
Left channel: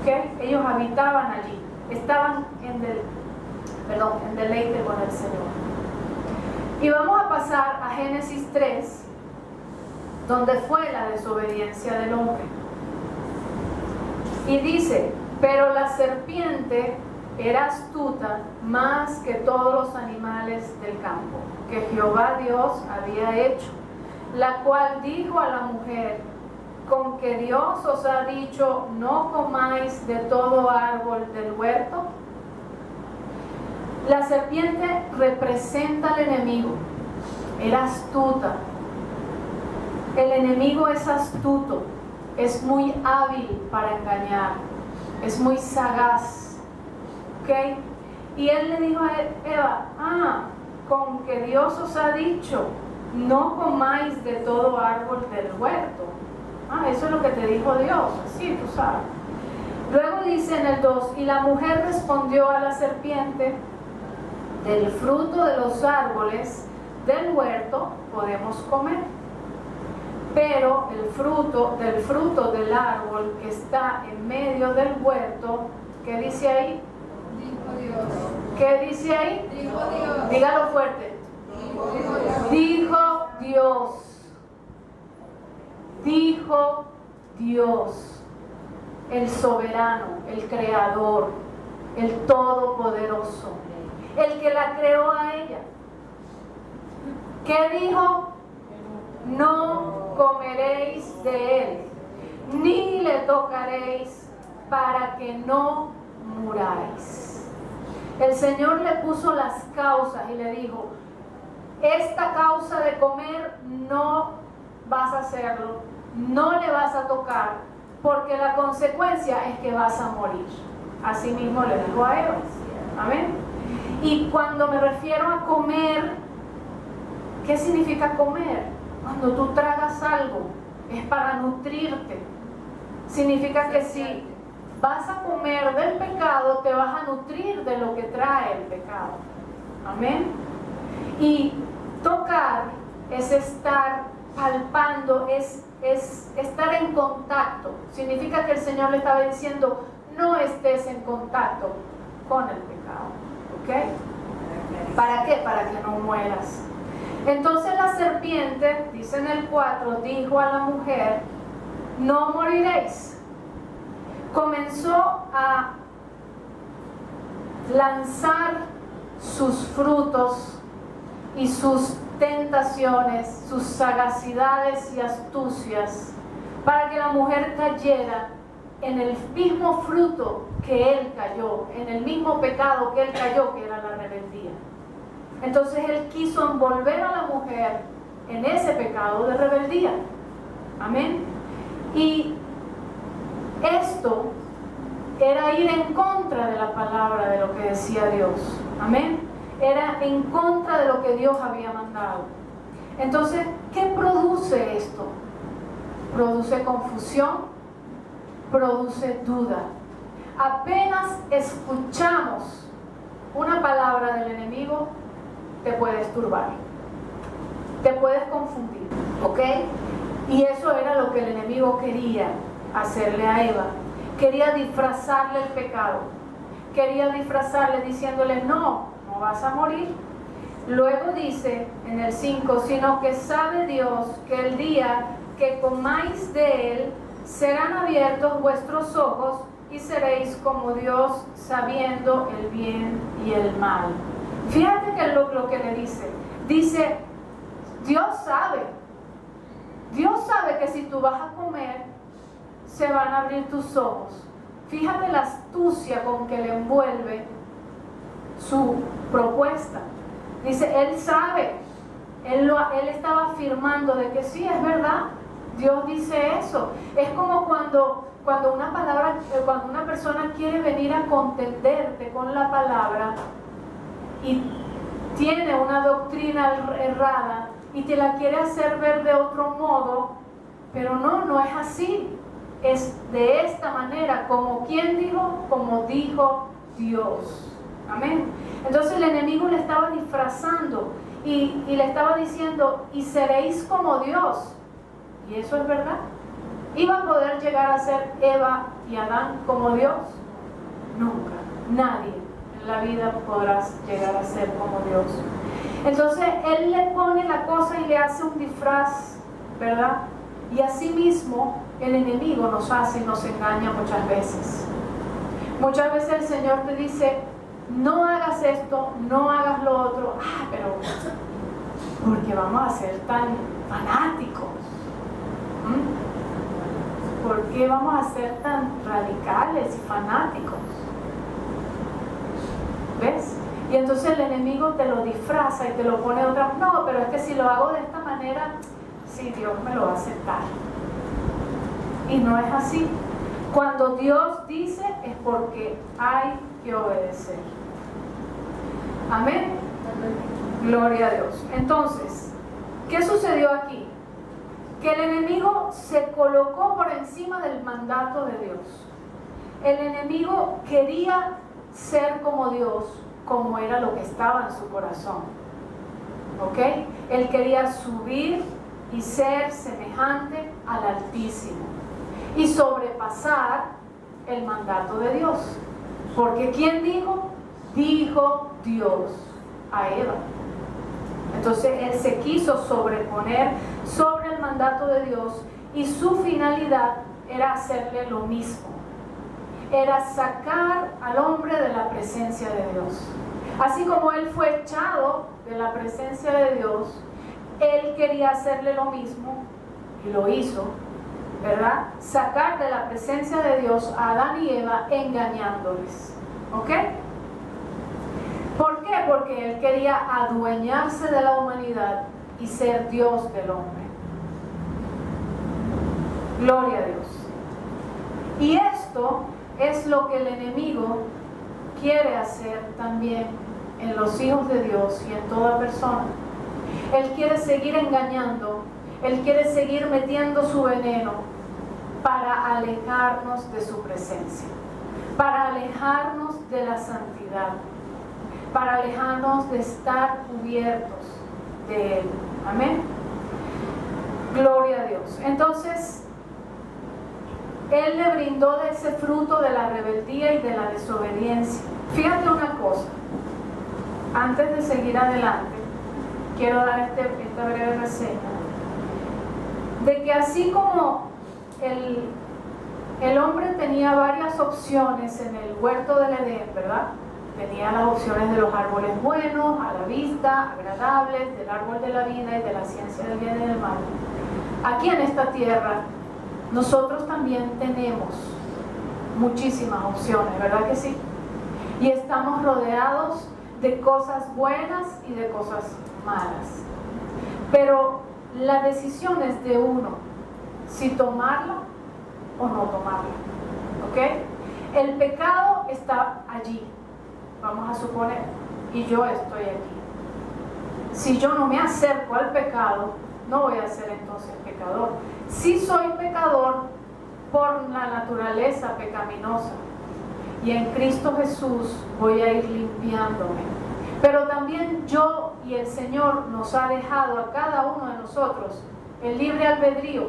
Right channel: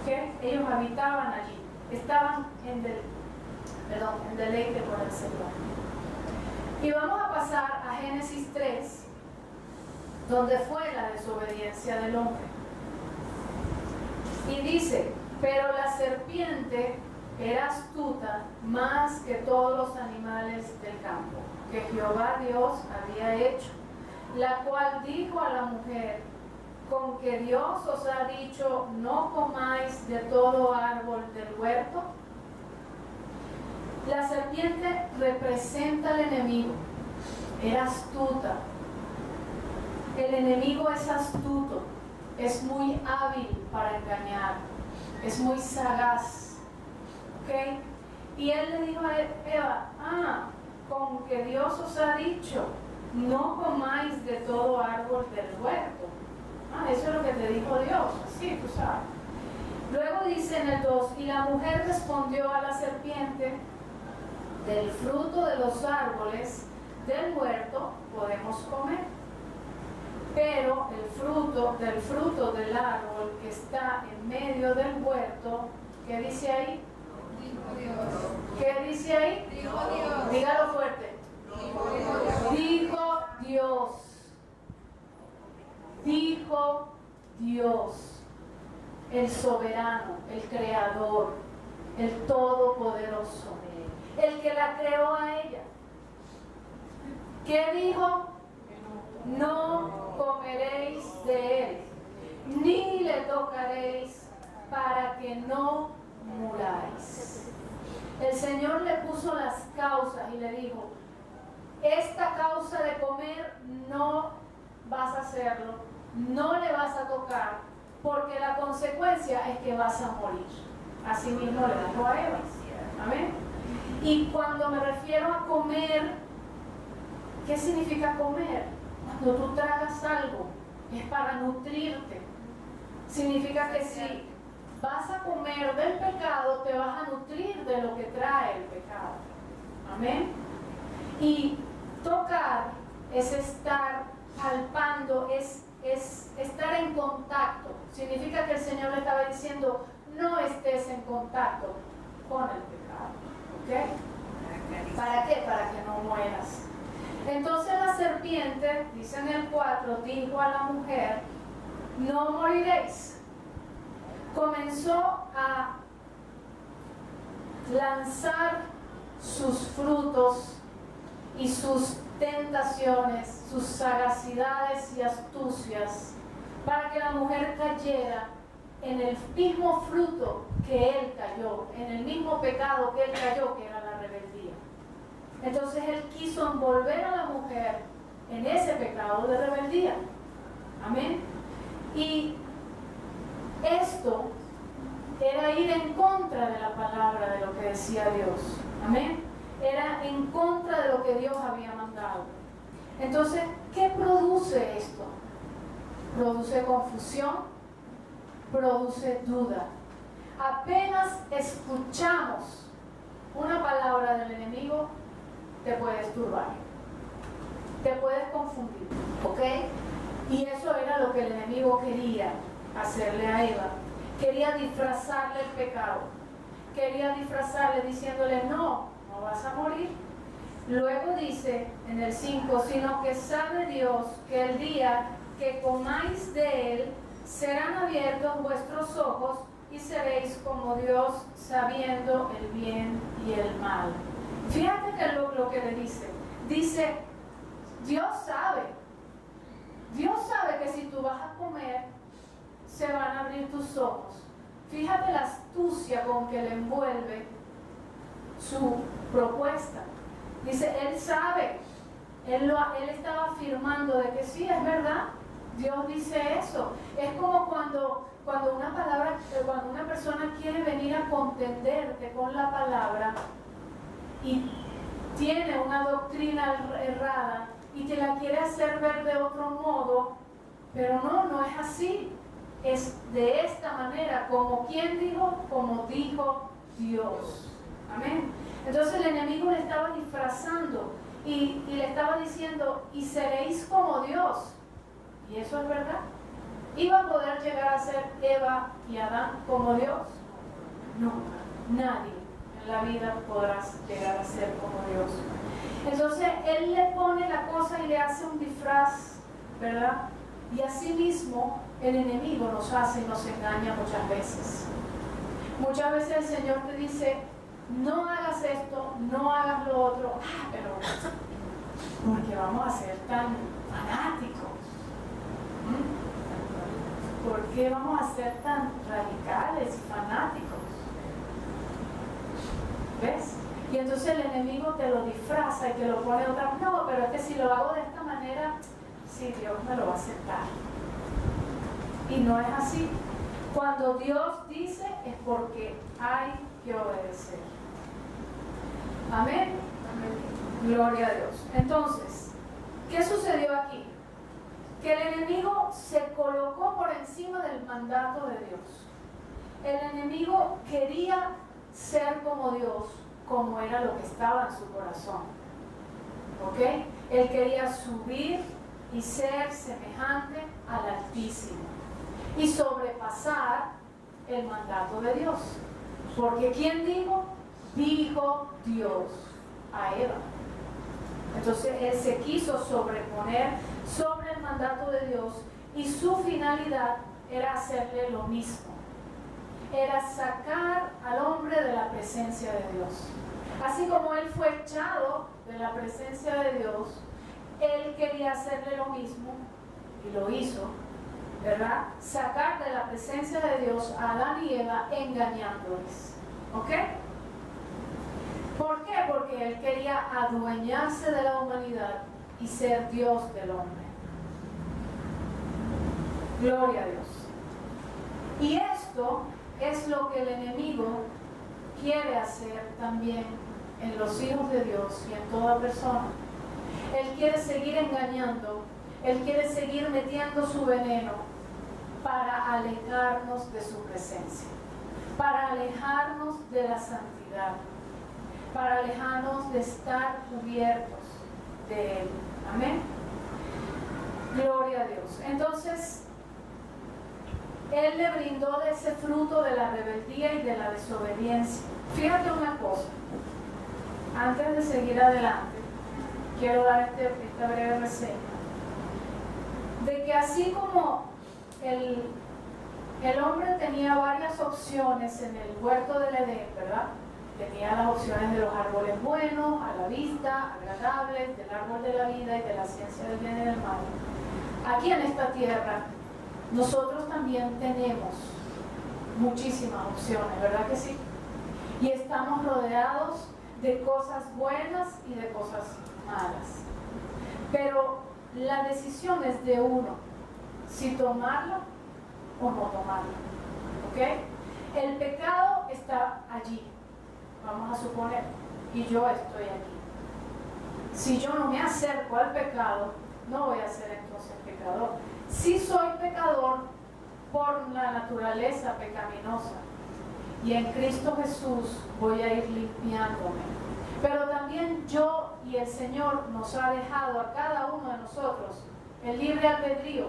¿Okay? Ellos habitaban allí, estaban en deleite con el Señor. Y vamos a pasar a Génesis 3, donde fue la desobediencia del hombre. Y dice, pero la serpiente era astuta más que todos los animales del campo que Jehová Dios había hecho, la cual dijo a la mujer, con que Dios os ha dicho, no comáis de todo árbol del huerto. La serpiente representa al enemigo, era astuta. El enemigo es astuto, es muy hábil para engañar, es muy sagaz. ¿Okay? Y él le dijo a Eva, con que Dios os ha dicho, no comáis de todo árbol del huerto. Eso es lo que te dijo Dios, sí, tú sabes. Luego dice en el 2, y la mujer respondió a la serpiente, del fruto de los árboles del huerto podemos comer, pero el fruto del árbol que está en medio del huerto, ¿qué dice ahí? Dijo Dios. ¿Qué dice ahí? Dijo Dios. Dígalo fuerte. Dijo Dios. Dijo Dios. Dijo Dios, el soberano, el creador, el todopoderoso, el que la creó a ella. ¿Qué dijo? No comeréis de él, ni le tocaréis, para que no muráis. El Señor le puso las causas y le dijo, esta causa de comer no vas a hacerlo, no le vas a tocar, porque la consecuencia es que vas a morir. Así mismo le dijo a Eva. Amén. Y cuando me refiero a comer, ¿qué significa comer? Cuando tú tragas algo, es para nutrirte. Significa que si vas a comer del pecado, te vas a nutrir de lo que trae el pecado. Amén. Y tocar es estar palpando, es estar en contacto. Significa que el Señor le estaba diciendo, no estés en contacto con el pecado. ¿Ok? ¿Para qué? Para que no mueras. Entonces la serpiente, dice en el 4, dijo a la mujer, no moriréis. Comenzó a lanzar sus frutos y sus tentaciones, sus sagacidades y astucias, para que la mujer cayera en el mismo fruto que él cayó, en el mismo pecado que él cayó, que era la rebeldía. Entonces él quiso envolver a la mujer en ese pecado de rebeldía. Amén. Y esto era ir en contra de la palabra, de lo que decía Dios. Amén. Era en contra de lo que Dios había mandado. Entonces, ¿qué produce esto? Produce confusión, produce duda. Apenas escuchamos una palabra del enemigo, te puedes turbar, te puedes confundir, ¿ok? Y eso era lo que el enemigo quería hacerle a Eva. Quería disfrazarle el pecado. Quería disfrazarle diciéndole, no vas a morir. Luego dice en el 5, sino que sabe Dios que el día que comáis de él, serán abiertos vuestros ojos y seréis como Dios, sabiendo el bien y el mal. Fíjate que lo que le dice, Dios sabe que si tú vas a comer, se van a abrir tus ojos. Fíjate la astucia con que le envuelve su propuesta. Dice, Él sabe, Él estaba afirmando de que sí, es verdad, Dios dice eso. Es como cuando una persona quiere venir a contenderte con la palabra y tiene una doctrina errada y te la quiere hacer ver de otro modo, pero no es así. Es de esta manera, como quien dijo, como dijo Dios. Amén. Entonces el enemigo le estaba disfrazando y le estaba diciendo, y seréis como Dios. Y eso es verdad. ¿Iba a poder llegar a ser Eva y Adán como Dios? Nunca. Nadie en la vida podrás llegar a ser como Dios. Entonces él le pone la cosa y le hace un disfraz, ¿verdad? Y así mismo el enemigo nos hace y nos engaña muchas veces. Muchas veces el Señor te dice, no hagas esto, no hagas lo otro. Pero porque vamos a ser tan fanáticos. ¿Por qué vamos a ser tan radicales y fanáticos? ¿Ves? Y entonces el enemigo te lo disfraza y te lo pone otra. No, pero es que si lo hago de esta manera, sí, Dios me lo va a aceptar. Y no es así. Cuando Dios dice es porque hay que obedecer. Amén. Gloria a Dios. Entonces, ¿qué sucedió aquí? Que el enemigo se colocó por encima del mandato de Dios. El enemigo quería ser como Dios, como era lo que estaba en su corazón. ¿Ok? Él quería subir y ser semejante al Altísimo y sobrepasar el mandato de Dios. Porque ¿quién dijo? Dijo Dios a Eva. Entonces él se quiso sobreponer sobre el mandato de Dios y su finalidad era hacerle lo mismo. Era sacar al hombre de la presencia de Dios. Así como él fue echado de la presencia de Dios, él quería hacerle lo mismo y lo hizo, ¿verdad? Sacar de la presencia de Dios a Adán y Eva engañándoles. ¿Ok? ¿Por qué? Porque él quería adueñarse de la humanidad y ser Dios del hombre. Gloria a Dios. Y esto es lo que el enemigo quiere hacer también en los hijos de Dios y en toda persona. Él quiere seguir engañando, él quiere seguir metiendo su veneno para alejarnos de su presencia, para alejarnos de la santidad, para alejarnos de estar cubiertos de Él. Amén. Gloria a Dios. Entonces, Él le brindó de ese fruto de la rebeldía y de la desobediencia. Fíjate una cosa, antes de seguir adelante, quiero dar esta breve reseña, de que así como el hombre tenía varias opciones en el huerto del Edén, ¿verdad? Tenía las opciones de los árboles buenos, a la vista, agradables, del árbol de la vida y de la ciencia del bien y del mal. Aquí en esta tierra, nosotros también tenemos muchísimas opciones, ¿verdad que sí? Y estamos rodeados de cosas buenas y de cosas malas. Pero la decisión es de uno, si tomarla o no tomarla. ¿Ok? El pecado está allí, vamos a suponer, y yo estoy aquí. Si yo no me acerco al pecado, no voy a ser entonces pecador. Si soy pecador por la naturaleza pecaminosa, y en Cristo Jesús voy a ir limpiándome. Pero también yo y el Señor nos ha dejado a cada uno de nosotros el libre albedrío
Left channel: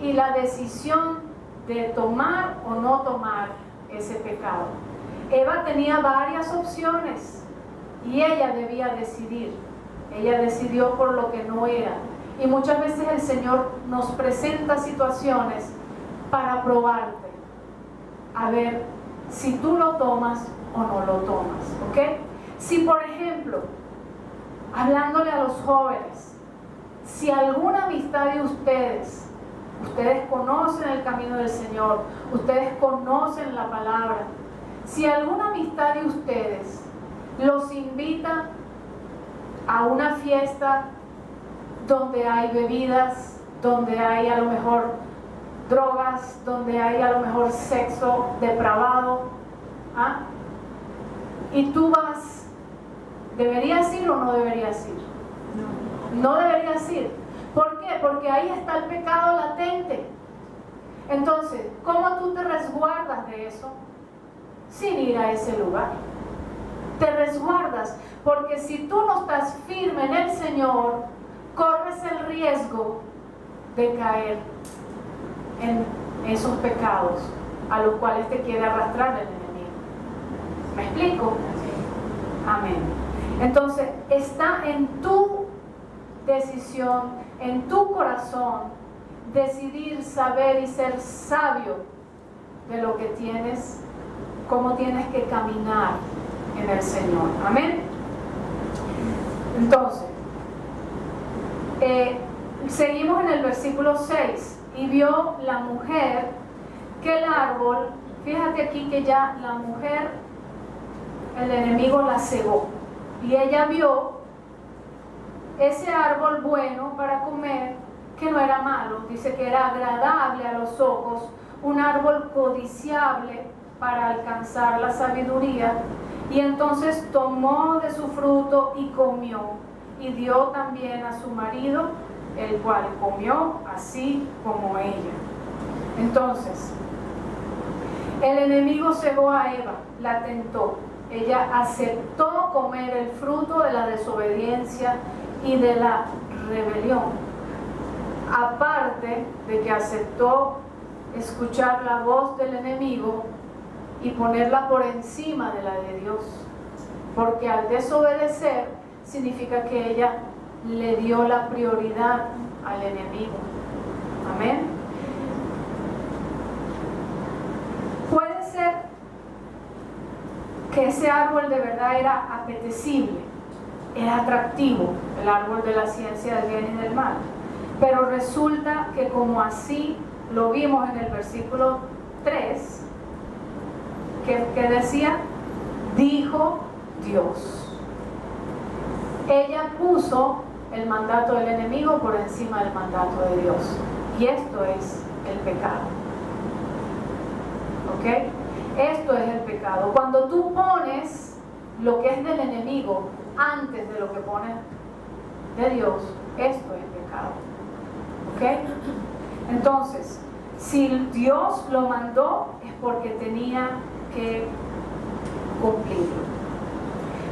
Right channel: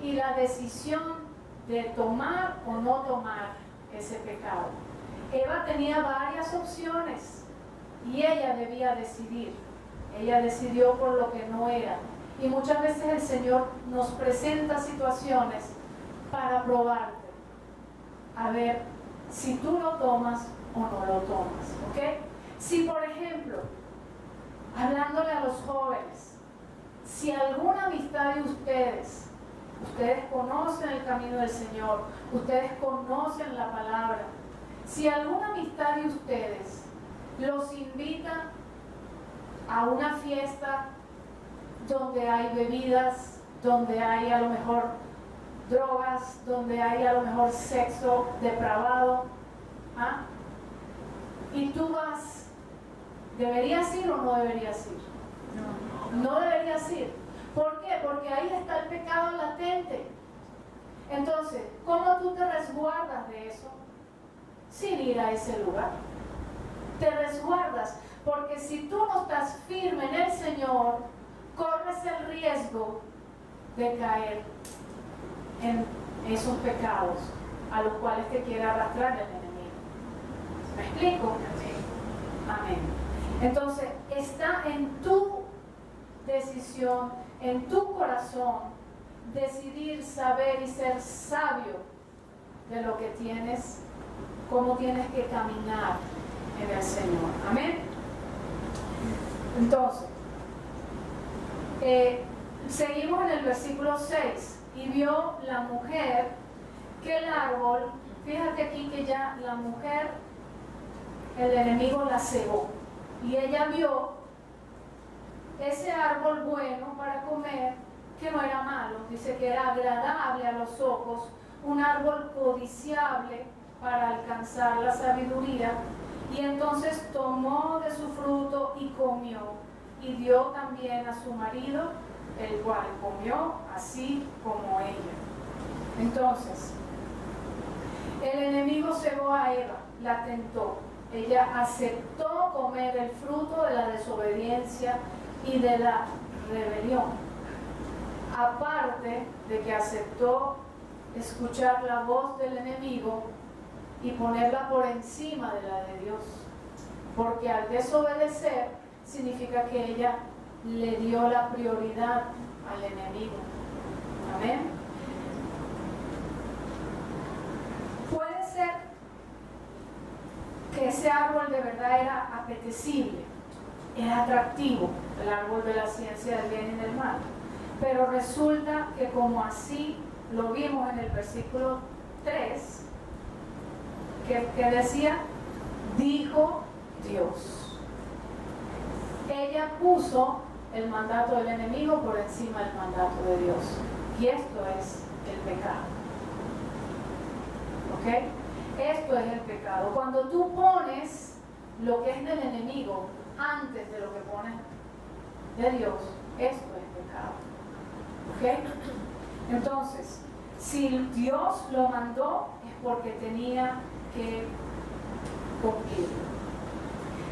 y la decisión de tomar o no tomar ese pecado. Eva tenía varias opciones y ella debía decidir. Ella decidió por lo que no era. Y muchas veces el Señor nos presenta situaciones para probarte, a ver si tú lo tomas o no lo tomas, ¿ok? Si por ejemplo, hablándole a los jóvenes, si alguna amistad de ustedes conocen el camino del Señor, ustedes conocen la palabra, si alguna amistad de ustedes los invita a una fiesta donde hay bebidas, donde hay a lo mejor drogas, donde hay a lo mejor sexo depravado, ¿ah? Y tú vas, ¿deberías ir o no deberías ir? No deberías ir. ¿Por qué? Porque ahí está el pecado latente. Entonces, ¿cómo tú te resguardas de eso? Sin ir a ese lugar. Te resguardas, porque si tú no estás firme en el Señor, corres el riesgo de caer en esos pecados a los cuales te quiere arrastrar el enemigo. ¿Me explico? Amén. Entonces, está en tu decisión, en tu corazón, decidir, saber y ser sabio de lo que tienes, cómo tienes que caminar en el Señor. Amén. Entonces, seguimos en el versículo 6. Y vio la mujer que el árbol, fíjate aquí que ya la mujer, el enemigo la cegó. Y ella vio ese árbol bueno para comer, que no era malo, dice que era agradable a los ojos, un árbol codiciable para alcanzar la sabiduría. Y entonces tomó de su fruto y comió, y dio también a su marido, el cual comió así como ella. Entonces, el enemigo cegó a Eva, la tentó. Ella aceptó comer el fruto de la desobediencia y de la rebelión. Aparte de que aceptó escuchar la voz del enemigo y ponerla por encima de la de Dios. Porque al desobedecer significa que ella le dio la prioridad al enemigo. Amén. Puede ser que ese árbol de verdad era apetecible, era atractivo, el árbol de la ciencia del bien y del mal, pero resulta que como así lo vimos en el versículo 3, que decía, dijo Dios. Ella puso el mandato del enemigo por encima del mandato de Dios. Y esto es el pecado. ¿Ok? Esto es el pecado. Cuando tú pones lo que es del enemigo antes de lo que pones de Dios, esto es pecado. ¿Ok? Entonces, si Dios lo mandó, es porque tenía que cumplirlo.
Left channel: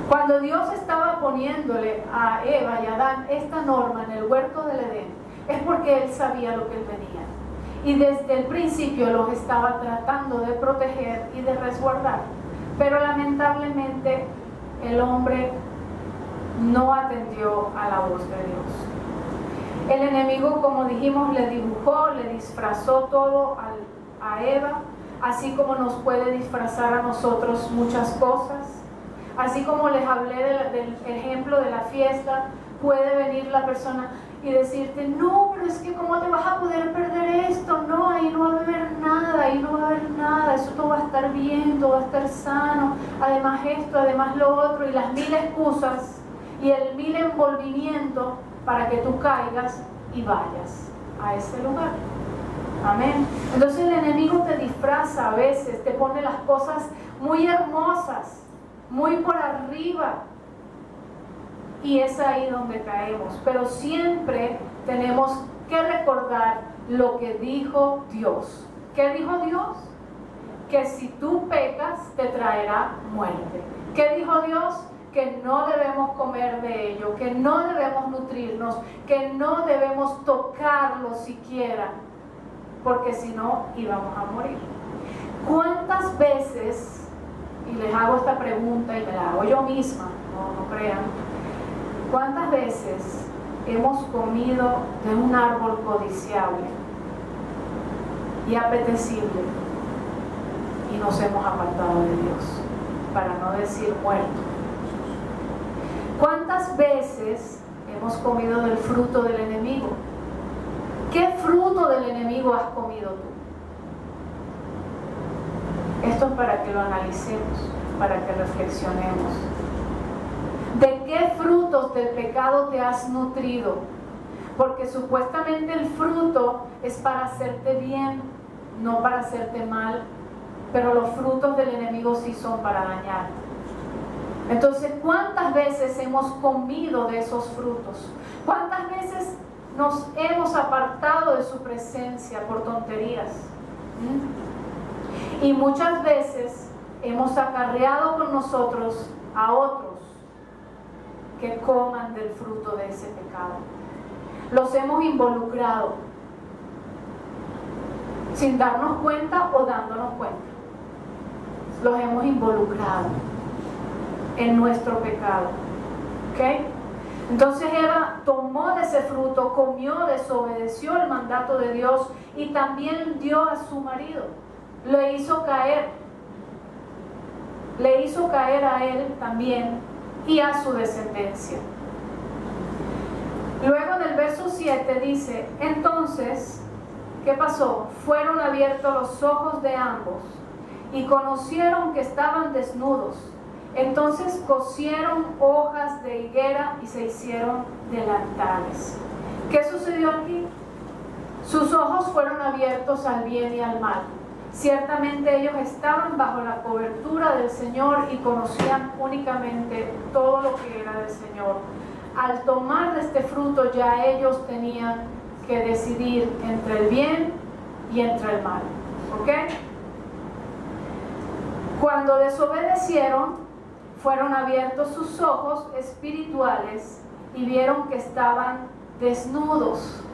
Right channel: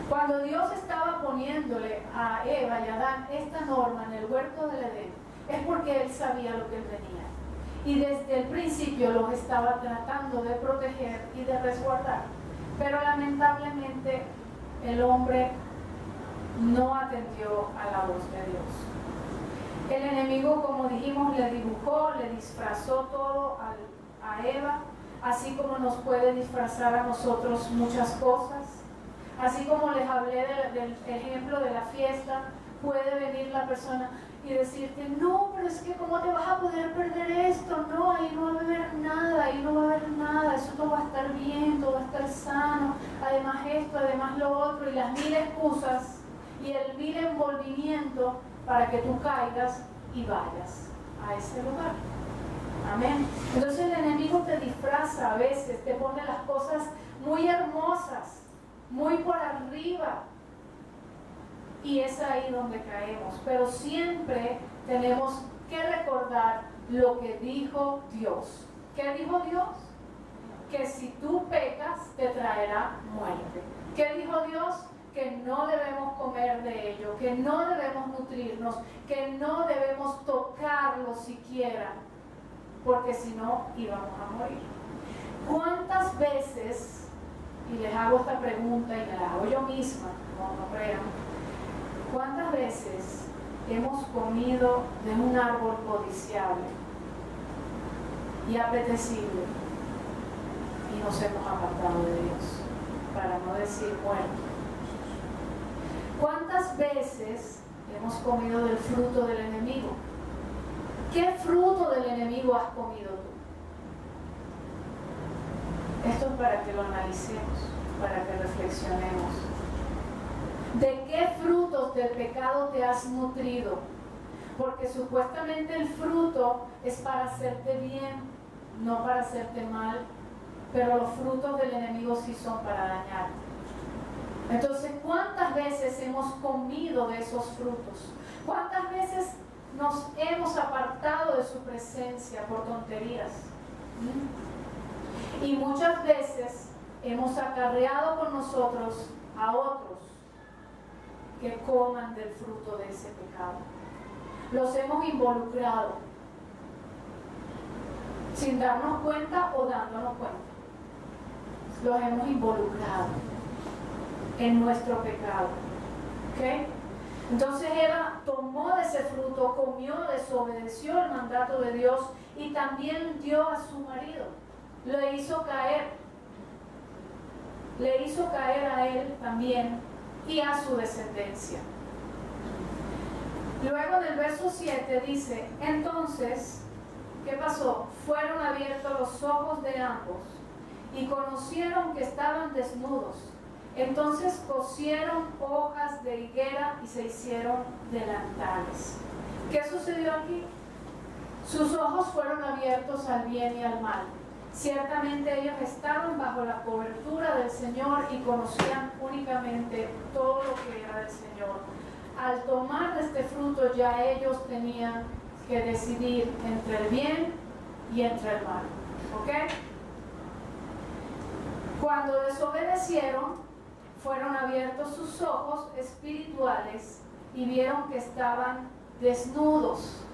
Cuando Dios estaba poniéndole a Eva y a Adán esta norma en el huerto del Edén, es porque Él sabía lo que Él venía. Y desde el principio los estaba tratando de proteger y de resguardar. Pero lamentablemente el hombre no atendió a la voz de Dios. El enemigo, como dijimos, le dibujó, le disfrazó todo a Eva, así como nos puede disfrazar a nosotros muchas cosas. Así como les hablé del ejemplo de la fiesta, puede venir la persona y decirte, no, pero es que ¿cómo te vas a poder perder esto? No, ahí no va a haber nada, ahí no va a haber nada, eso todo va a estar bien, todo va a estar sano, además esto, además lo otro, y las mil excusas y el mil envolvimiento para que tú caigas y vayas a ese lugar. Amén. Entonces el enemigo te disfraza a veces, te pone las cosas muy hermosas, muy por arriba, y es ahí donde caemos. Pero siempre tenemos que recordar lo que dijo Dios. ¿Qué dijo Dios? Que si tú pecas te traerá muerte. ¿Qué dijo Dios? Que que no debemos comer de ello, que no debemos nutrirnos, que no debemos tocarlo siquiera, porque si no íbamos a morir. ¿Cuántas veces, y les hago esta pregunta y me la hago yo misma, no crean, cuántas veces hemos comido de un árbol codiciable y apetecible y nos hemos apartado de Dios, para no decir muerto? ¿Cuántas veces hemos comido del fruto del enemigo? ¿Qué fruto del enemigo has comido tú? Esto es para que lo analicemos, para que reflexionemos. ¿De qué frutos del pecado te has nutrido? Porque supuestamente el fruto es para hacerte bien, no para hacerte mal, pero los frutos del enemigo sí son para dañarte. Entonces, ¿cuántas veces hemos comido de esos frutos? ¿Cuántas veces nos hemos apartado de su presencia por tonterías? Y muchas veces hemos acarreado con nosotros a otros que coman del fruto de ese pecado. Los hemos involucrado sin darnos cuenta o dándonos cuenta. Los hemos involucrado en nuestro pecado. ¿Ok? Entonces Eva tomó de ese fruto, comió, desobedeció el mandato de Dios y también dio a su marido. Le hizo caer a él también y a su descendencia. Luego en el verso 7 dice: entonces, ¿qué pasó? Fueron abiertos los ojos de ambos y conocieron que estaban desnudos. Entonces cosieron hojas de higuera y se hicieron delantales. ¿Qué sucedió aquí? Sus ojos fueron abiertos al bien y al mal. Ciertamente ellos estaban bajo la cobertura del Señor y conocían únicamente todo lo que era del Señor. Al tomar de este fruto ya ellos tenían que decidir entre el bien y entre el mal. ¿Ok? Cuando desobedecieron, fueron abiertos sus ojos espirituales y vieron que estaban desnudos.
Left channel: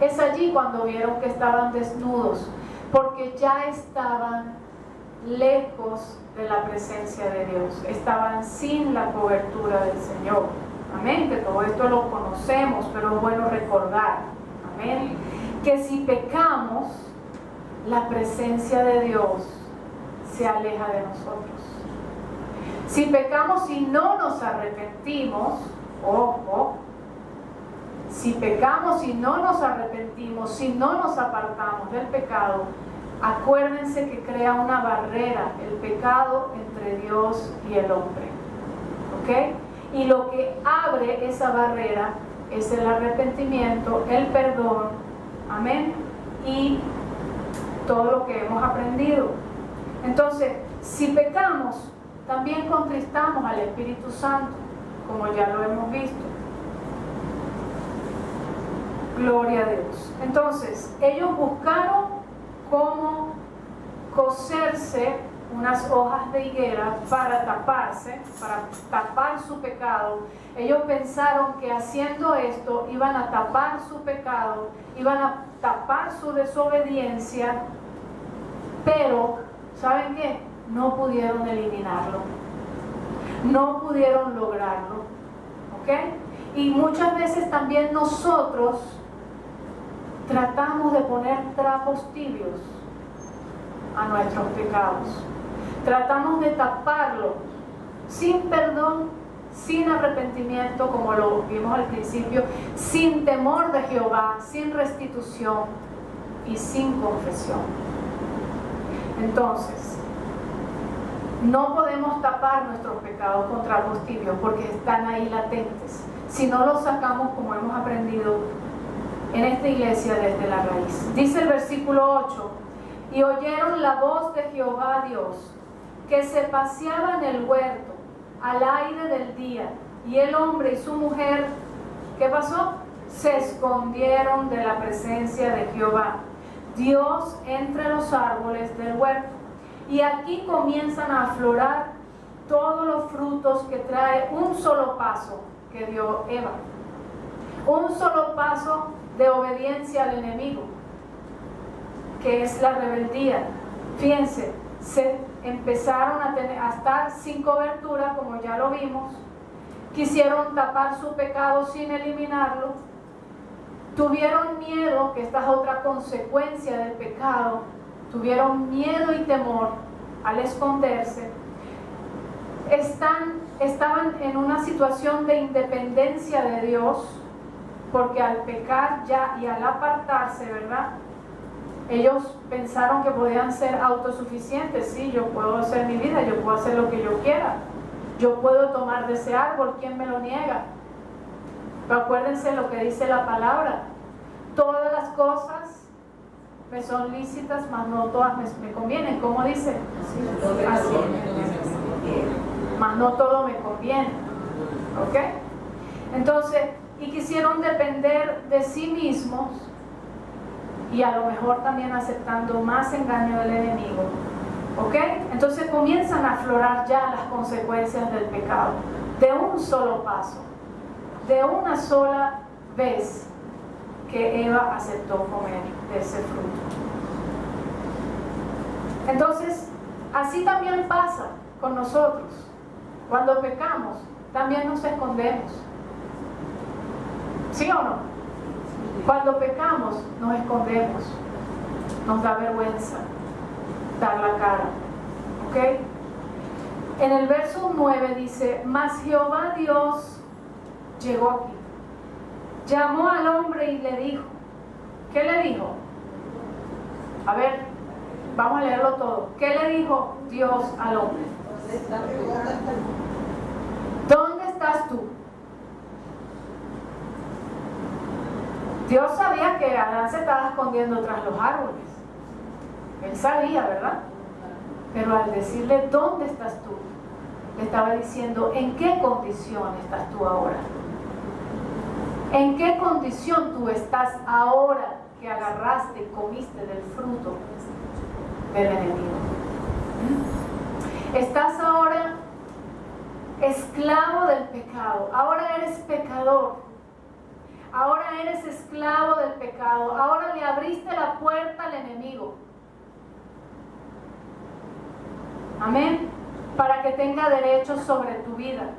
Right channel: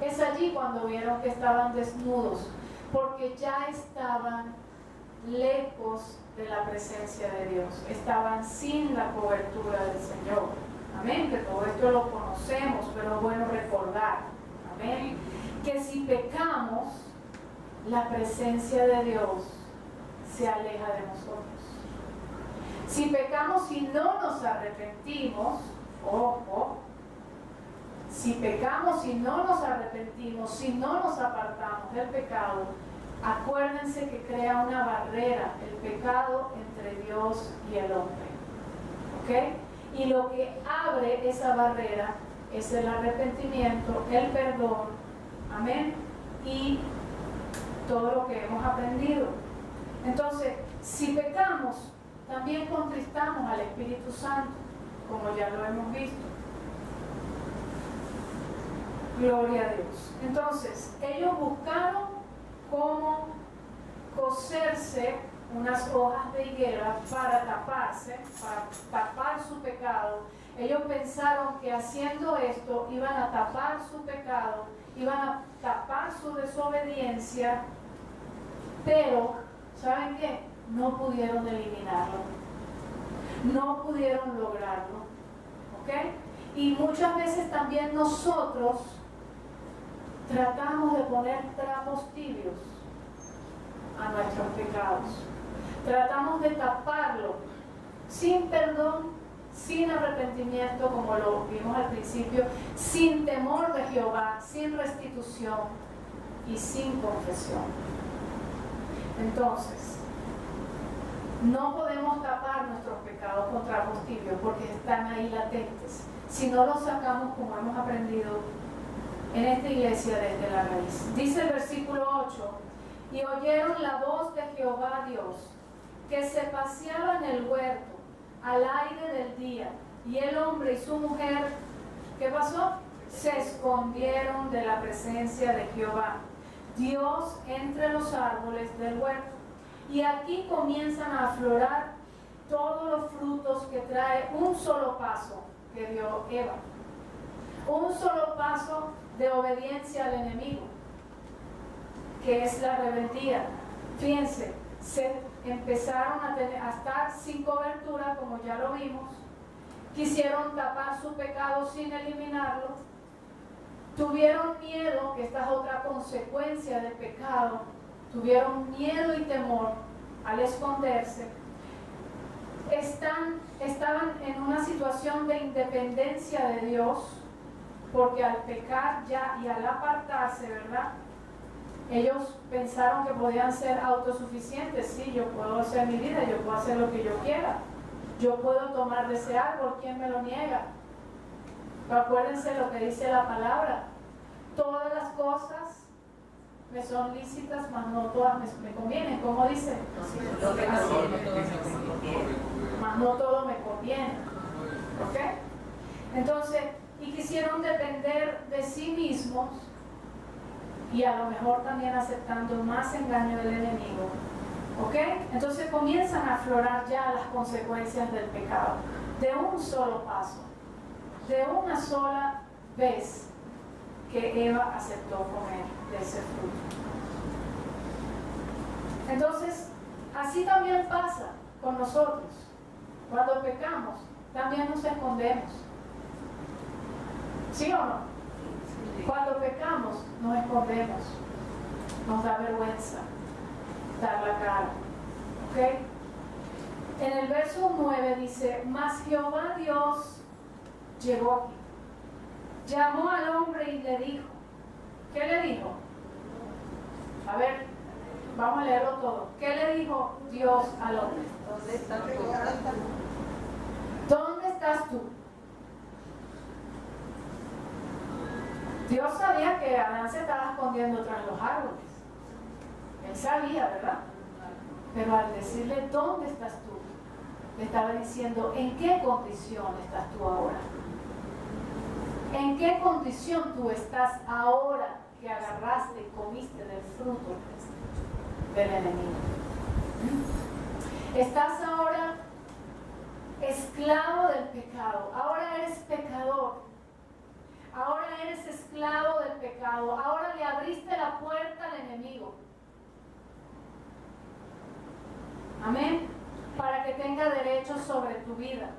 Es allí cuando vieron que estaban desnudos, porque ya estaban lejos de la presencia de Dios, estaban sin la cobertura del Señor. Amén, que todo esto lo conocemos, pero es bueno recordar, amén, que si pecamos, la presencia de Dios se aleja de nosotros. Si pecamos y no nos arrepentimos, ojo, si pecamos y no nos arrepentimos, si no nos apartamos del pecado, acuérdense que crea una barrera, el pecado, entre Dios y el hombre. ¿Ok? Y lo que abre esa barrera es el arrepentimiento, el perdón, amén, y todo lo que hemos aprendido. Entonces, si pecamos, también contristamos al Espíritu Santo, como ya lo hemos visto. Gloria a Dios. Entonces, ellos buscaron cómo coserse unas hojas de higuera para taparse, para tapar su pecado. Ellos pensaron que haciendo esto iban a tapar su pecado, iban a tapar su desobediencia, pero ¿saben qué? No pudieron eliminarlo, no pudieron lograrlo. ¿Ok? Y muchas veces también nosotros tratamos de poner trapos tibios a nuestros pecados. Tratamos de taparlo sin perdón, sin arrepentimiento, como lo vimos al principio, sin temor de Jehová, sin restitución y sin confesión. Entonces, no podemos tapar nuestros pecados con trapos tibios porque están ahí latentes. Si no los sacamos, como hemos aprendido en esta iglesia, desde la raíz. Dice el versículo 8: y oyeron la voz de Jehová Dios, que se paseaba en el huerto al aire del día, y el hombre y su mujer, ¿qué pasó? Se escondieron de la presencia de Jehová Dios entre los árboles del huerto. Y aquí comienzan a aflorar todos los frutos que trae fue un solo paso que dio Eva. Un solo paso de obediencia al enemigo, que es la rebeldía. Fíjense, se empezaron a estar sin cobertura, como ya lo vimos. Quisieron tapar su pecado sin eliminarlo. Tuvieron miedo, que esta es otra consecuencia del pecado. Tuvieron miedo y temor al esconderse. Estaban en una situación de independencia de Dios, porque al pecar ya y al apartarse, ¿verdad? Ellos pensaron que podían ser autosuficientes. Sí, yo puedo hacer mi vida, yo puedo hacer lo que yo quiera, yo puedo tomar de ese árbol, ¿quién me lo niega? Pero acuérdense lo que dice la palabra: todas las cosas me son lícitas, mas no todas me convienen. ¿Cómo dice? Así. Mas no todo me conviene. ¿Ok? Entonces, y quisieron depender de sí mismos, y a lo mejor también aceptando más engaño del enemigo. ¿Ok? Entonces comienzan a aflorar ya las consecuencias del pecado, de un solo paso, de una sola vez que Eva aceptó comer de ese fruto. Entonces, así también pasa con nosotros. Cuando pecamos, también nos escondemos. ¿Sí o no? Cuando pecamos, nos escondemos. Nos da vergüenza dar la cara. ¿Ok? En el verso 9 dice: mas Jehová Dios llegó aquí, llamó al hombre y le dijo. ¿Qué le dijo? A ver, vamos a leerlo todo. ¿Qué le dijo Dios al hombre? ¿Dónde estás tú? Dios sabía que Adán se estaba escondiendo tras los árboles. Él sabía, ¿verdad? Pero al decirle ¿dónde estás tú?, le estaba diciendo ¿en qué condición estás tú ahora? ¿En qué condición tú estás ahora que agarraste y comiste del fruto del enemigo? Estás ahora esclavo del pecado. Ahora eres pecador. Ahora eres esclavo del pecado. Ahora le abriste la puerta al enemigo. Amén. Para que tenga derechos sobre tu vida.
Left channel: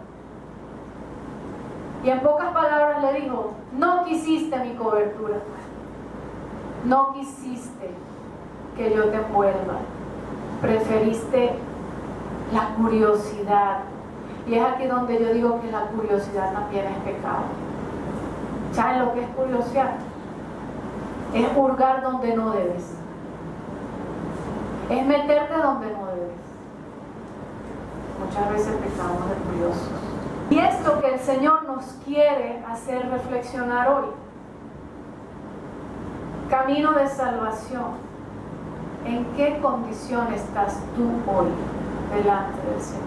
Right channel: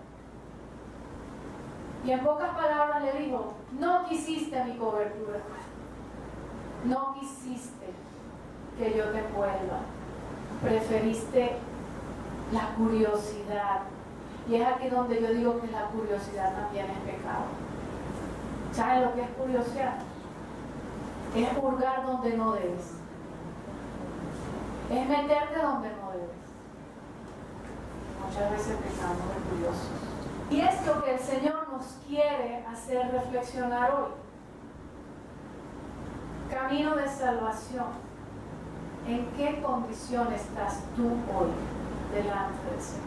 Y en pocas palabras le dijo: no quisiste mi cobertura. No quisiste que yo te envuelva. Preferiste la curiosidad. Y es aquí donde yo digo que la curiosidad también es pecado. ¿Saben lo que es curiosidad? Es hurgar donde no debes. Es meterte donde no debes. Muchas veces pecamos de curiosos. Y esto que el Señor nos quiere hacer reflexionar hoy. Camino de salvación. ¿En qué condición estás tú hoy delante del Señor?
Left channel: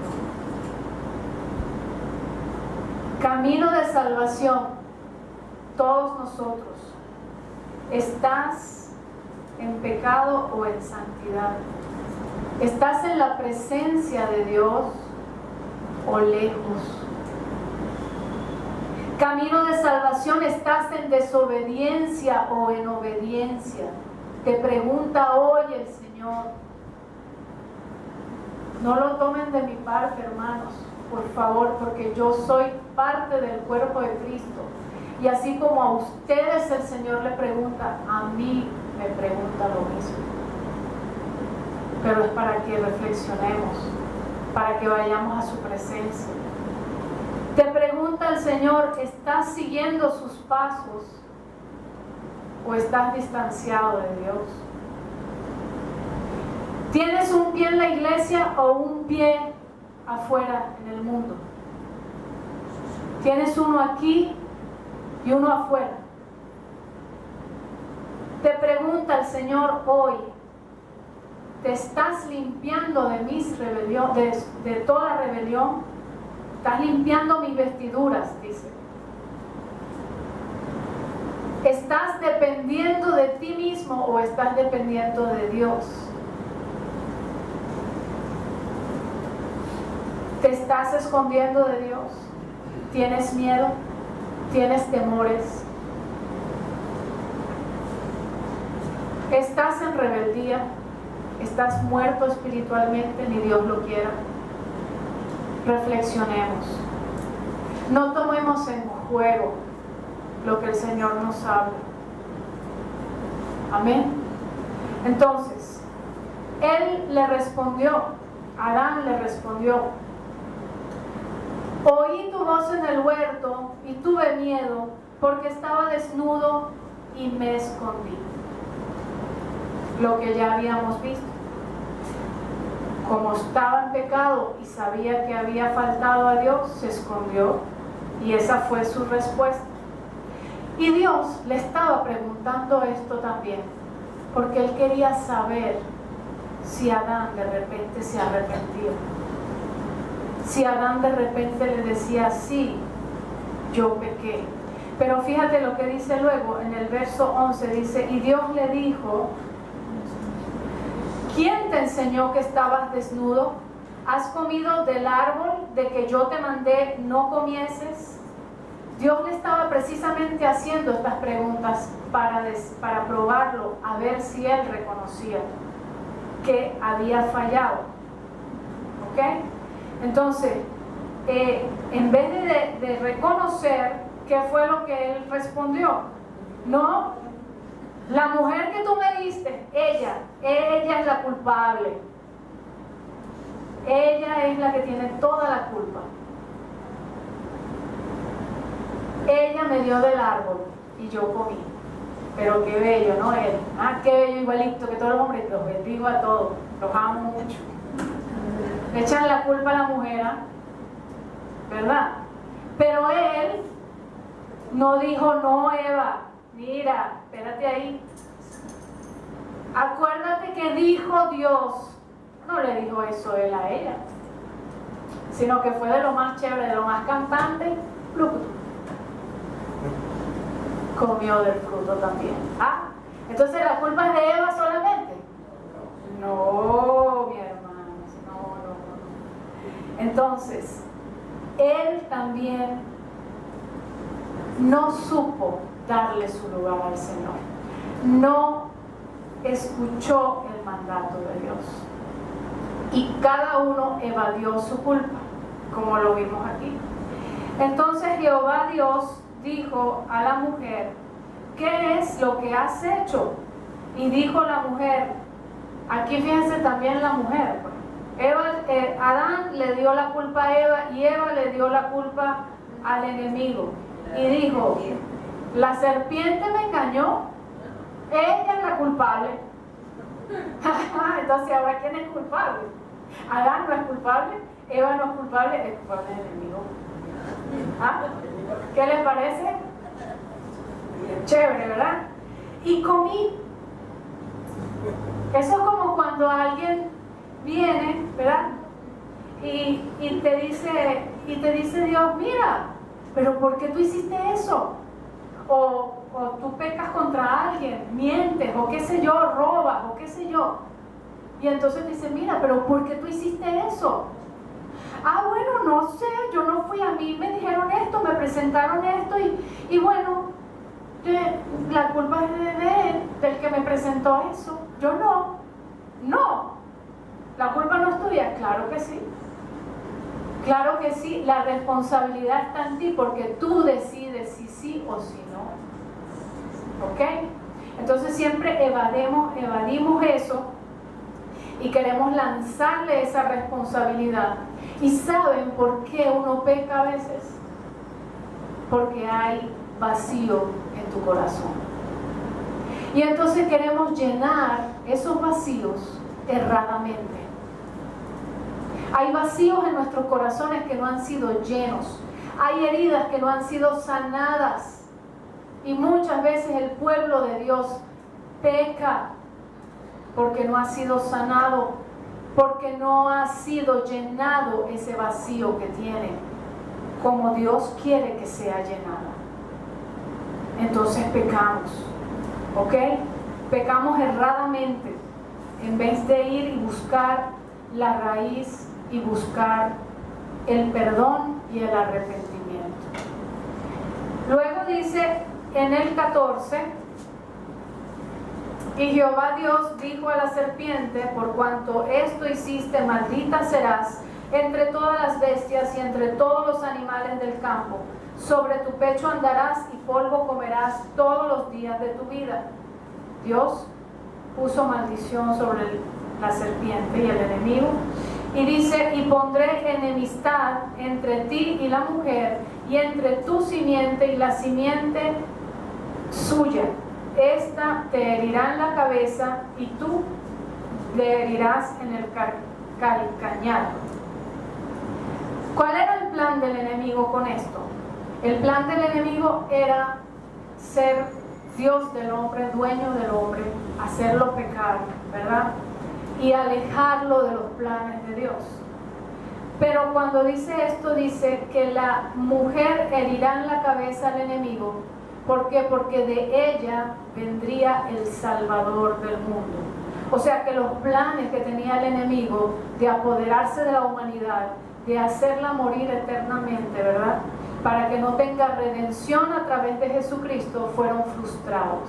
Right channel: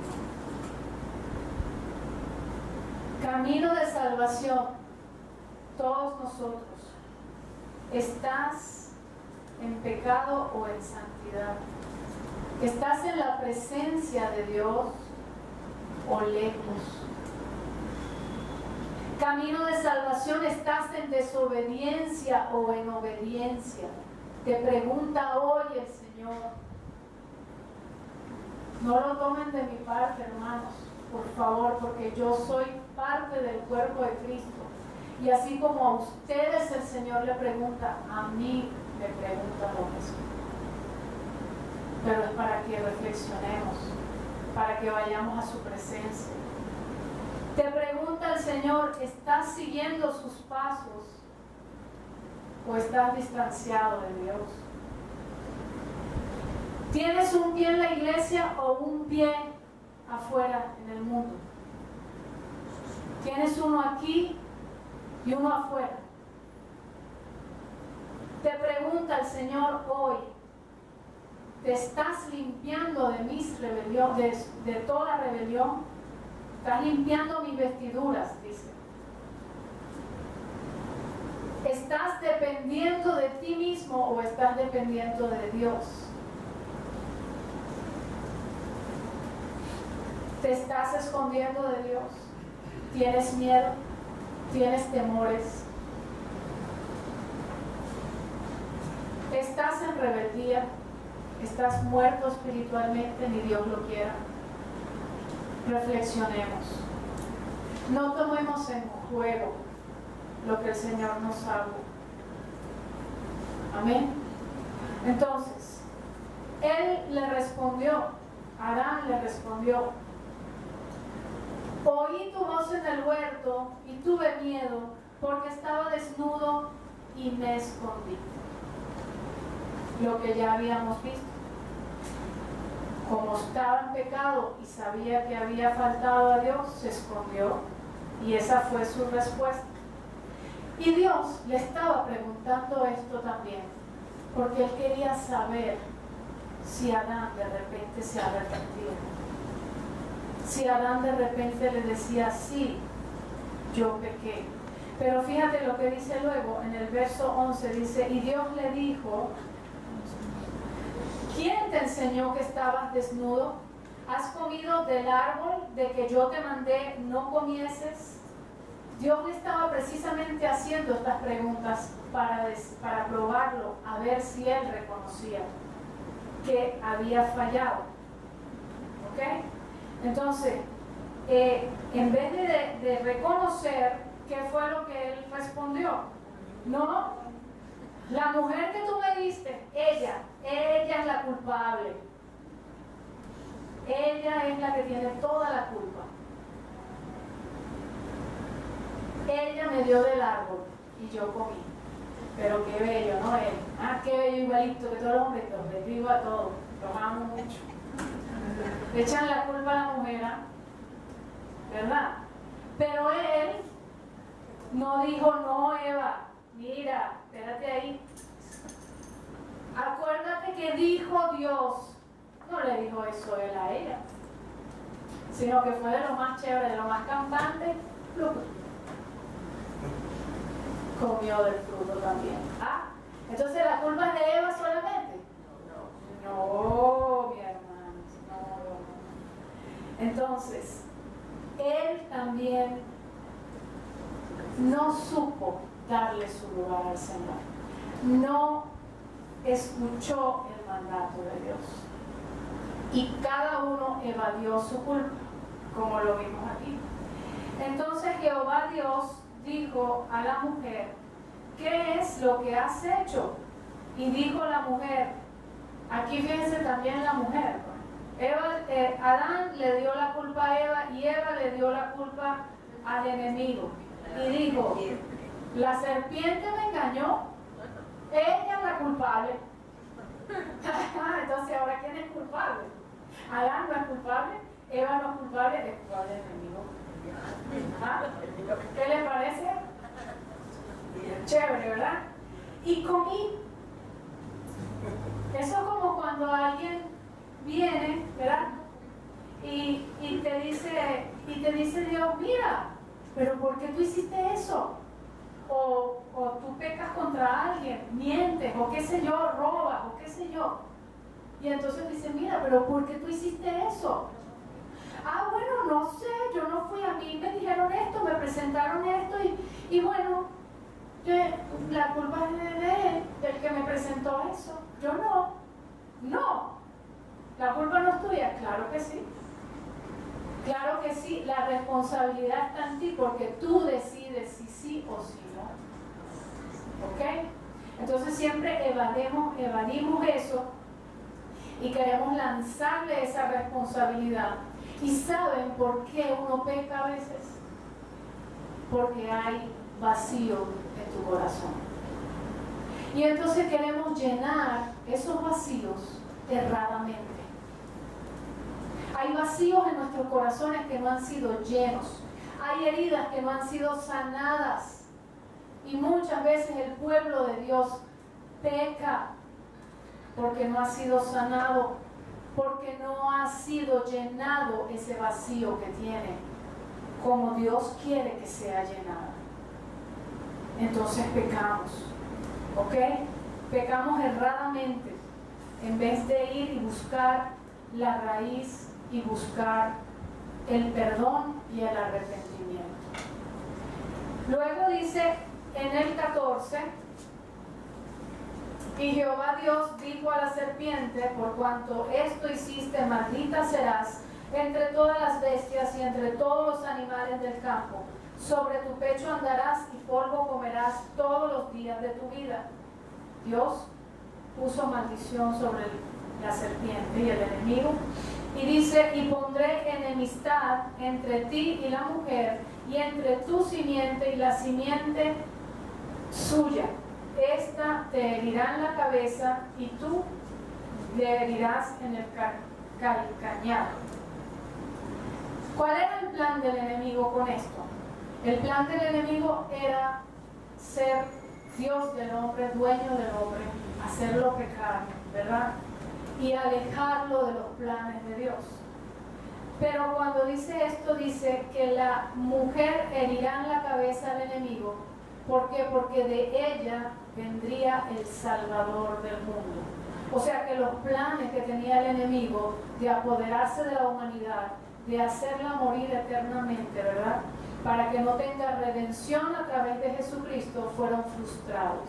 Camino de salvación. Todos nosotros. ¿Estás en pecado o en santidad? ¿Estás en la presencia de Dios o lejos? Camino de salvación, ¿estás en desobediencia o en obediencia? Te pregunta hoy el Señor. No lo tomen de mi parte, hermanos, por favor, porque yo soy parte del cuerpo de Cristo. Y así como a ustedes el Señor le pregunta, a mí me pregunta lo mismo. Pero es para que reflexionemos, para que vayamos a su presencia. Te pregunta el Señor, ¿estás siguiendo sus pasos o estás distanciado de Dios? ¿Tienes un pie en la iglesia o un pie afuera en el mundo? ¿Tienes uno aquí y uno afuera? Te pregunta el Señor hoy, ¿te estás limpiando de mis rebeliones, de toda rebelión? ¿Estás limpiando mis vestiduras?, dice. ¿Estás dependiendo de ti mismo o estás dependiendo de Dios? ¿Te estás escondiendo de Dios? ¿Tienes miedo? ¿Tienes temores? ¿Estás en rebeldía? ¿Estás muerto espiritualmente? Ni Dios lo quiera. Reflexionemos. No tomemos en juego lo que el Señor nos habla. Amén. Entonces, él le respondió, Adán le respondió: oí tu voz en el huerto y tuve miedo porque estaba desnudo y me escondí. Lo que ya habíamos visto. Como estaba en pecado y sabía que había faltado a Dios, se escondió, y esa fue su respuesta. Y Dios le estaba preguntando esto también, porque él quería saber si Adán de repente se arrepentía. Si Adán de repente le decía: sí, yo pequé. Pero fíjate lo que dice luego en el verso 11, dice: y Dios le dijo: ¿quién te enseñó que estabas desnudo? ¿Has comido del árbol de que yo te mandé no comieses? Dios le estaba precisamente haciendo estas preguntas para probarlo, a ver si él reconocía que había fallado. ¿Ok? Entonces, en vez de reconocer, ¿qué fue lo que él respondió? No, la mujer que tú me diste, ella es la culpable. Ella es la que tiene toda la culpa. Ella me dio del árbol y yo comí. Pero qué bello, ¿no? Él. Qué bello, igualito que todos los hombres, los bendigo a todos, los amo mucho. Le echan la culpa a la mujer, ¿verdad? Pero él no dijo: no, Eva, mira, espérate ahí. Acuérdate que dijo Dios. No le dijo eso él a ella, sino que fue de lo más chévere, de lo más cantante. Comió del fruto también. Entonces la culpa es de Eva solamente. No, mi hermano, no. Entonces, él también no supo darle su lugar al Señor. No escuchó el mandato de Dios. Y cada uno evadió su culpa, como lo vimos aquí. Entonces Jehová Dios dijo a la mujer: ¿qué es lo que has hecho? Y dijo la mujer, aquí fíjense también la mujer, Adán le dio la culpa a Eva y Eva le dio la culpa al enemigo. Y dijo: la serpiente me engañó, ella es la culpable. Entonces, ¿ahora quién es culpable? Adán no es culpable, Eva no es culpable, es culpable el enemigo. ¿Qué les parece? Chévere, ¿verdad? Y comí. Eso es como cuando alguien viene, ¿verdad? Y te dice Dios: mira, pero ¿por qué tú hiciste eso? O tú pecas contra alguien, mientes, o qué sé yo, robas, o qué sé yo. Y entonces dice: mira, pero ¿por qué tú hiciste eso? Bueno, no sé, yo no fui, a mí me dijeron esto, me presentaron esto y bueno, la culpa es de él, del que me presentó eso. Yo no, la culpa no es tuya. Claro que sí. Claro que sí, la responsabilidad está en ti porque tú decides si sí o si no. ¿Ok? Entonces siempre evadimos eso y queremos lanzarle esa responsabilidad. ¿Y saben por qué uno peca a veces? Porque hay vacío en tu corazón. Y entonces queremos llenar esos vacíos erradamente. Hay vacíos en nuestros corazones que no han sido llenos. Hay heridas que no han sido sanadas. Y muchas veces el pueblo de Dios peca porque no ha sido sanado, porque no ha sido llenado ese vacío que tiene, como Dios quiere que sea llenado. Entonces pecamos, ¿ok? Pecamos erradamente, en vez de ir y buscar la raíz y buscar el perdón y el arrepentimiento. Luego dice en el 14, y Jehová Dios dijo a la serpiente, por cuanto esto hiciste, maldita serás entre todas las bestias y entre todos los animales del campo. Sobre tu pecho andarás y polvo comerás todos los días de tu vida. Dios puso maldición sobre la serpiente y el enemigo. Y dice, y pondré enemistad entre ti y la mujer, y entre tu simiente y la simiente suya. Esta te herirá en la cabeza y tú le herirás en el calcañar. ¿Cuál era el plan del enemigo con esto? El plan del enemigo era ser Dios del hombre, dueño del hombre, hacerlo pecar, ¿verdad? Y alejarlo de los planes de Dios. Pero cuando dice esto, dice que la mujer herirá en la cabeza al enemigo. ¿Por qué? Porque de ella vendría el Salvador del mundo. O sea que los planes que tenía el enemigo de apoderarse de la humanidad, de hacerla morir eternamente, ¿verdad?, para que no tenga redención a través de Jesucristo, fueron frustrados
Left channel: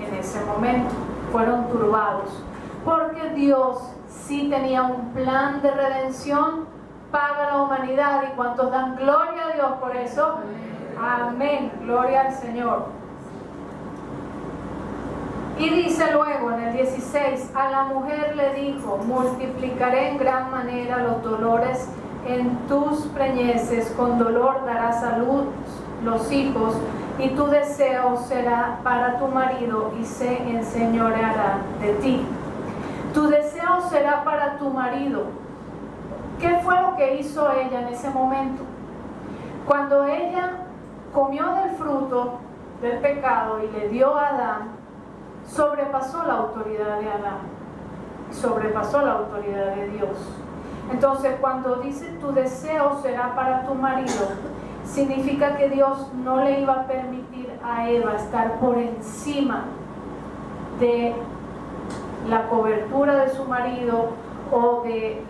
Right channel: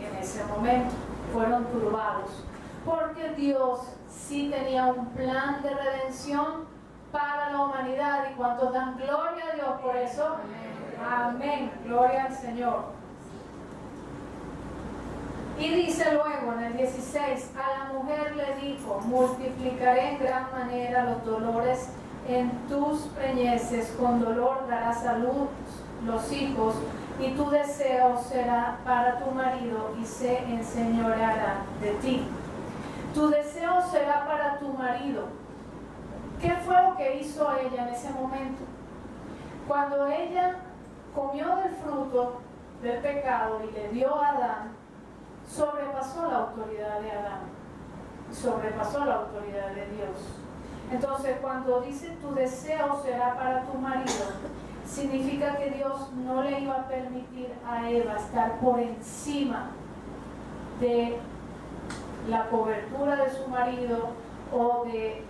en ese momento, fueron turbados. Porque Dios sí tenía un plan de redención para la humanidad. ¿Y cuántos dan gloria a Dios por eso? Amén, gloria al Señor. Y dice luego en el 16, a la mujer le dijo, multiplicaré en gran manera los dolores en tus preñeces, con dolor darás a luz los hijos, y tu deseo será para tu marido, y se enseñoreará de ti. Tu deseo será para tu marido. ¿Qué fue lo que hizo ella en ese momento? Cuando ella comió del fruto del pecado y le dio a Adán, sobrepasó la autoridad de Adán, sobrepasó la autoridad de Dios. Entonces, cuando dice tu deseo será para tu marido, significa que Dios no le iba a permitir a Eva estar por encima de la cobertura de su marido, o de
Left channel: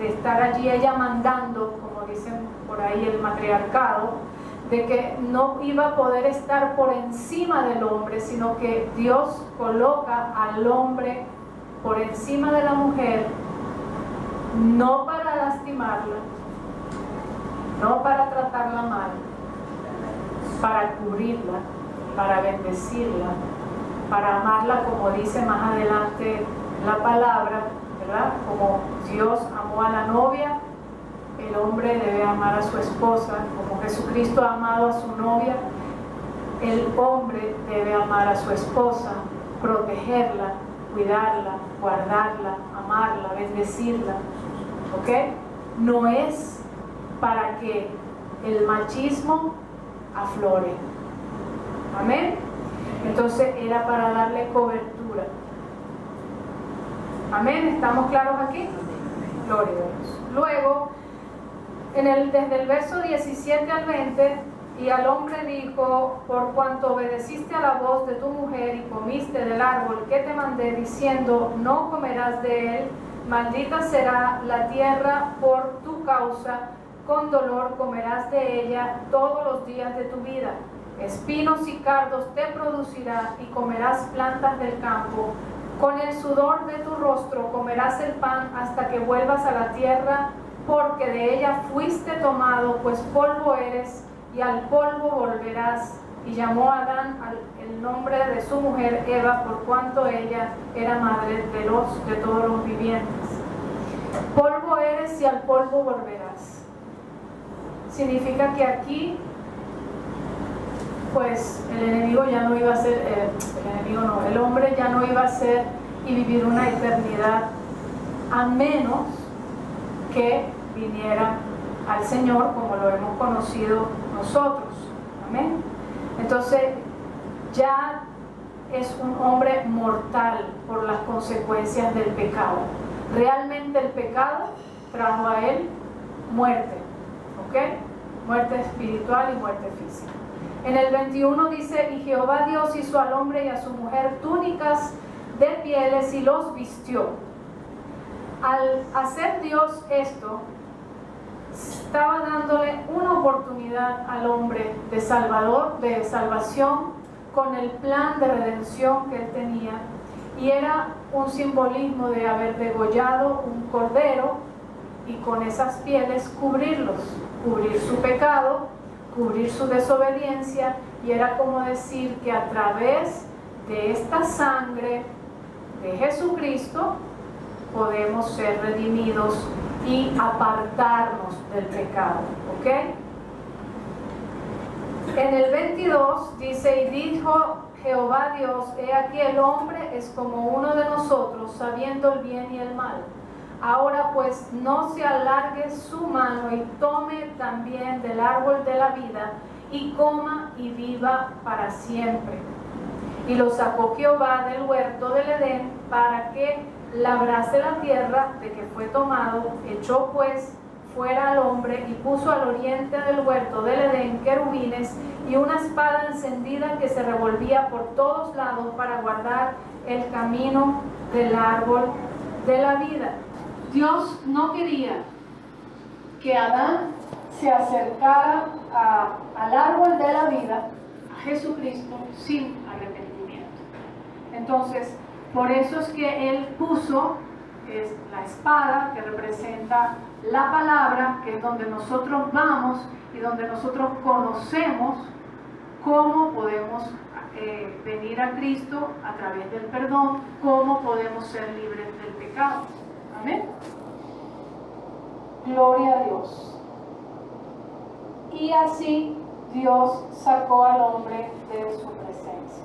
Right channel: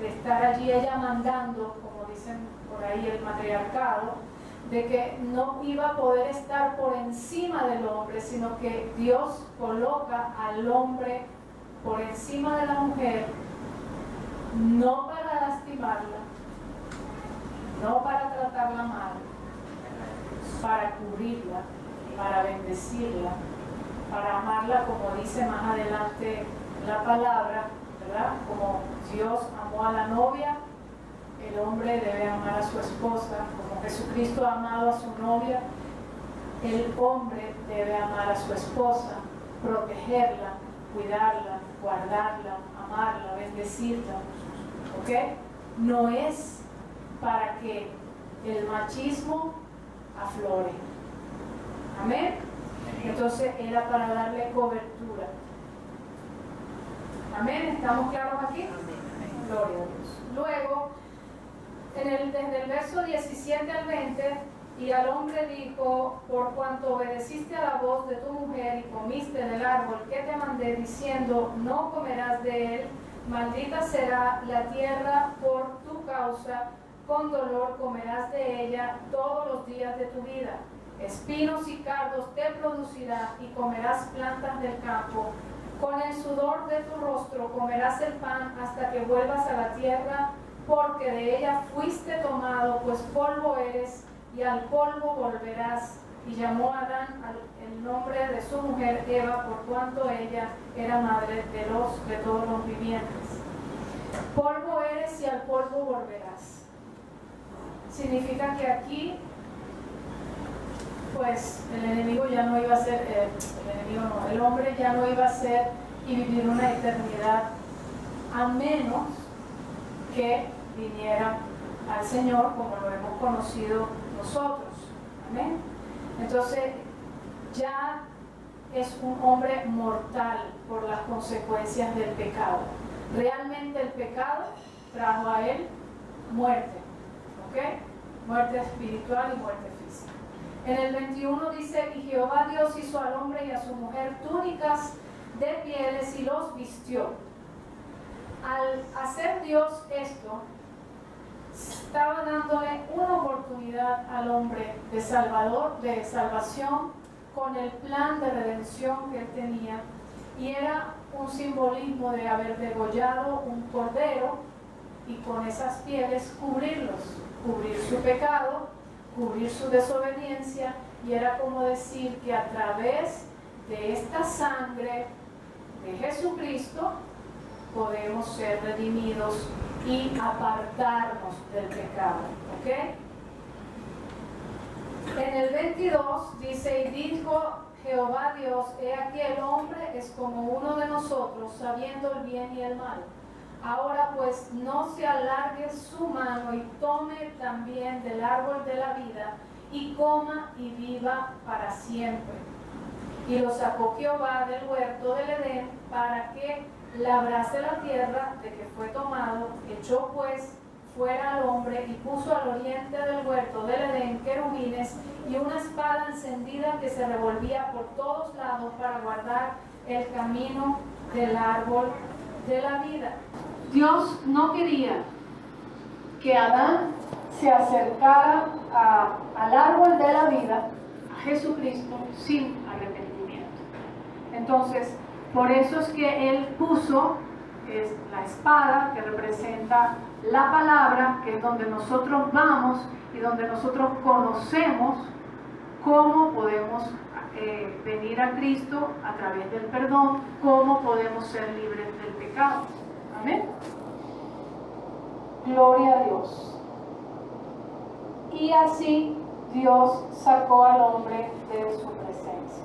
estar allí ella mandando, como dicen por ahí el matriarcado, de que no iba a poder estar por encima del hombre, sino que Dios coloca al hombre por encima de la mujer, no para lastimarla, no para tratarla mal, para cubrirla, para bendecirla, para amarla, como dice más adelante la palabra, ¿verdad? Como Dios amó a la novia, el hombre debe amar a su esposa. Como Jesucristo ha amado a su novia, el hombre debe amar a su esposa, protegerla, cuidarla, guardarla, amarla, bendecirla. ¿Ok? No es para que el machismo aflore. Amén. Entonces era para darle cobertura. Amén. ¿Estamos claros aquí? Gloria a Dios. Luego, desde el verso 17 al 20, y al hombre dijo, por cuanto obedeciste a la voz de tu mujer y comiste del árbol que te mandé, diciendo, no comerás de él, maldita será la tierra por tu causa, con dolor comerás de ella todos los días de tu vida. Espinos y cardos te producirá y comerás plantas del campo. Con el sudor de tu rostro comerás el pan hasta que vuelvas a la tierra, porque de ella fuiste tomado, pues polvo eres y al polvo volverás. Y llamó a Adán el nombre de su mujer Eva, por cuanto ella era madre de todos los vivientes. Polvo eres y al polvo volverás. Significa que aquí, pues el enemigo ya no iba a ser, el hombre ya no iba a ser y vivir una eternidad, a menos que viniera al Señor como lo hemos conocido nosotros. Amén. Entonces ya es un hombre mortal por las consecuencias del pecado. Realmente el pecado trajo a él muerte, ¿ok? Muerte espiritual y muerte física. En el 21 dice, y Jehová Dios hizo al hombre y a su mujer túnicas de pieles y los vistió. Al hacer Dios esto, estaba dándole una oportunidad al hombre de salvación, con el plan de redención que él tenía, y era un simbolismo de haber degollado un cordero y con esas pieles cubrir su pecado, cubrir su desobediencia, y era como decir que a través de esta sangre de Jesucristo podemos ser redimidos y apartarnos del pecado, ¿ok? En el 22 dice: y dijo Jehová Dios, he aquí el hombre es como uno de nosotros, sabiendo el bien y el mal. Ahora pues no se alargue su mano y tome también del árbol de la vida y coma y viva para siempre. Y lo sacó Jehová del huerto del Edén para que labrase la tierra de que fue tomado. Echó pues fuera al hombre y puso al oriente del huerto del Edén querubines y una espada encendida que se revolvía por todos lados para guardar el camino del árbol de la vida. Dios no quería que Adán se acercara al árbol de la vida, a Jesucristo, sin arrepentimiento. Entonces, por eso es que Él puso la espada, que representa la palabra, que es donde nosotros vamos y donde nosotros conocemos cómo podemos venir a Cristo a través del perdón, cómo podemos ser libres del pecado. Amén. Gloria a Dios. Y así Dios sacó al hombre de su presencia.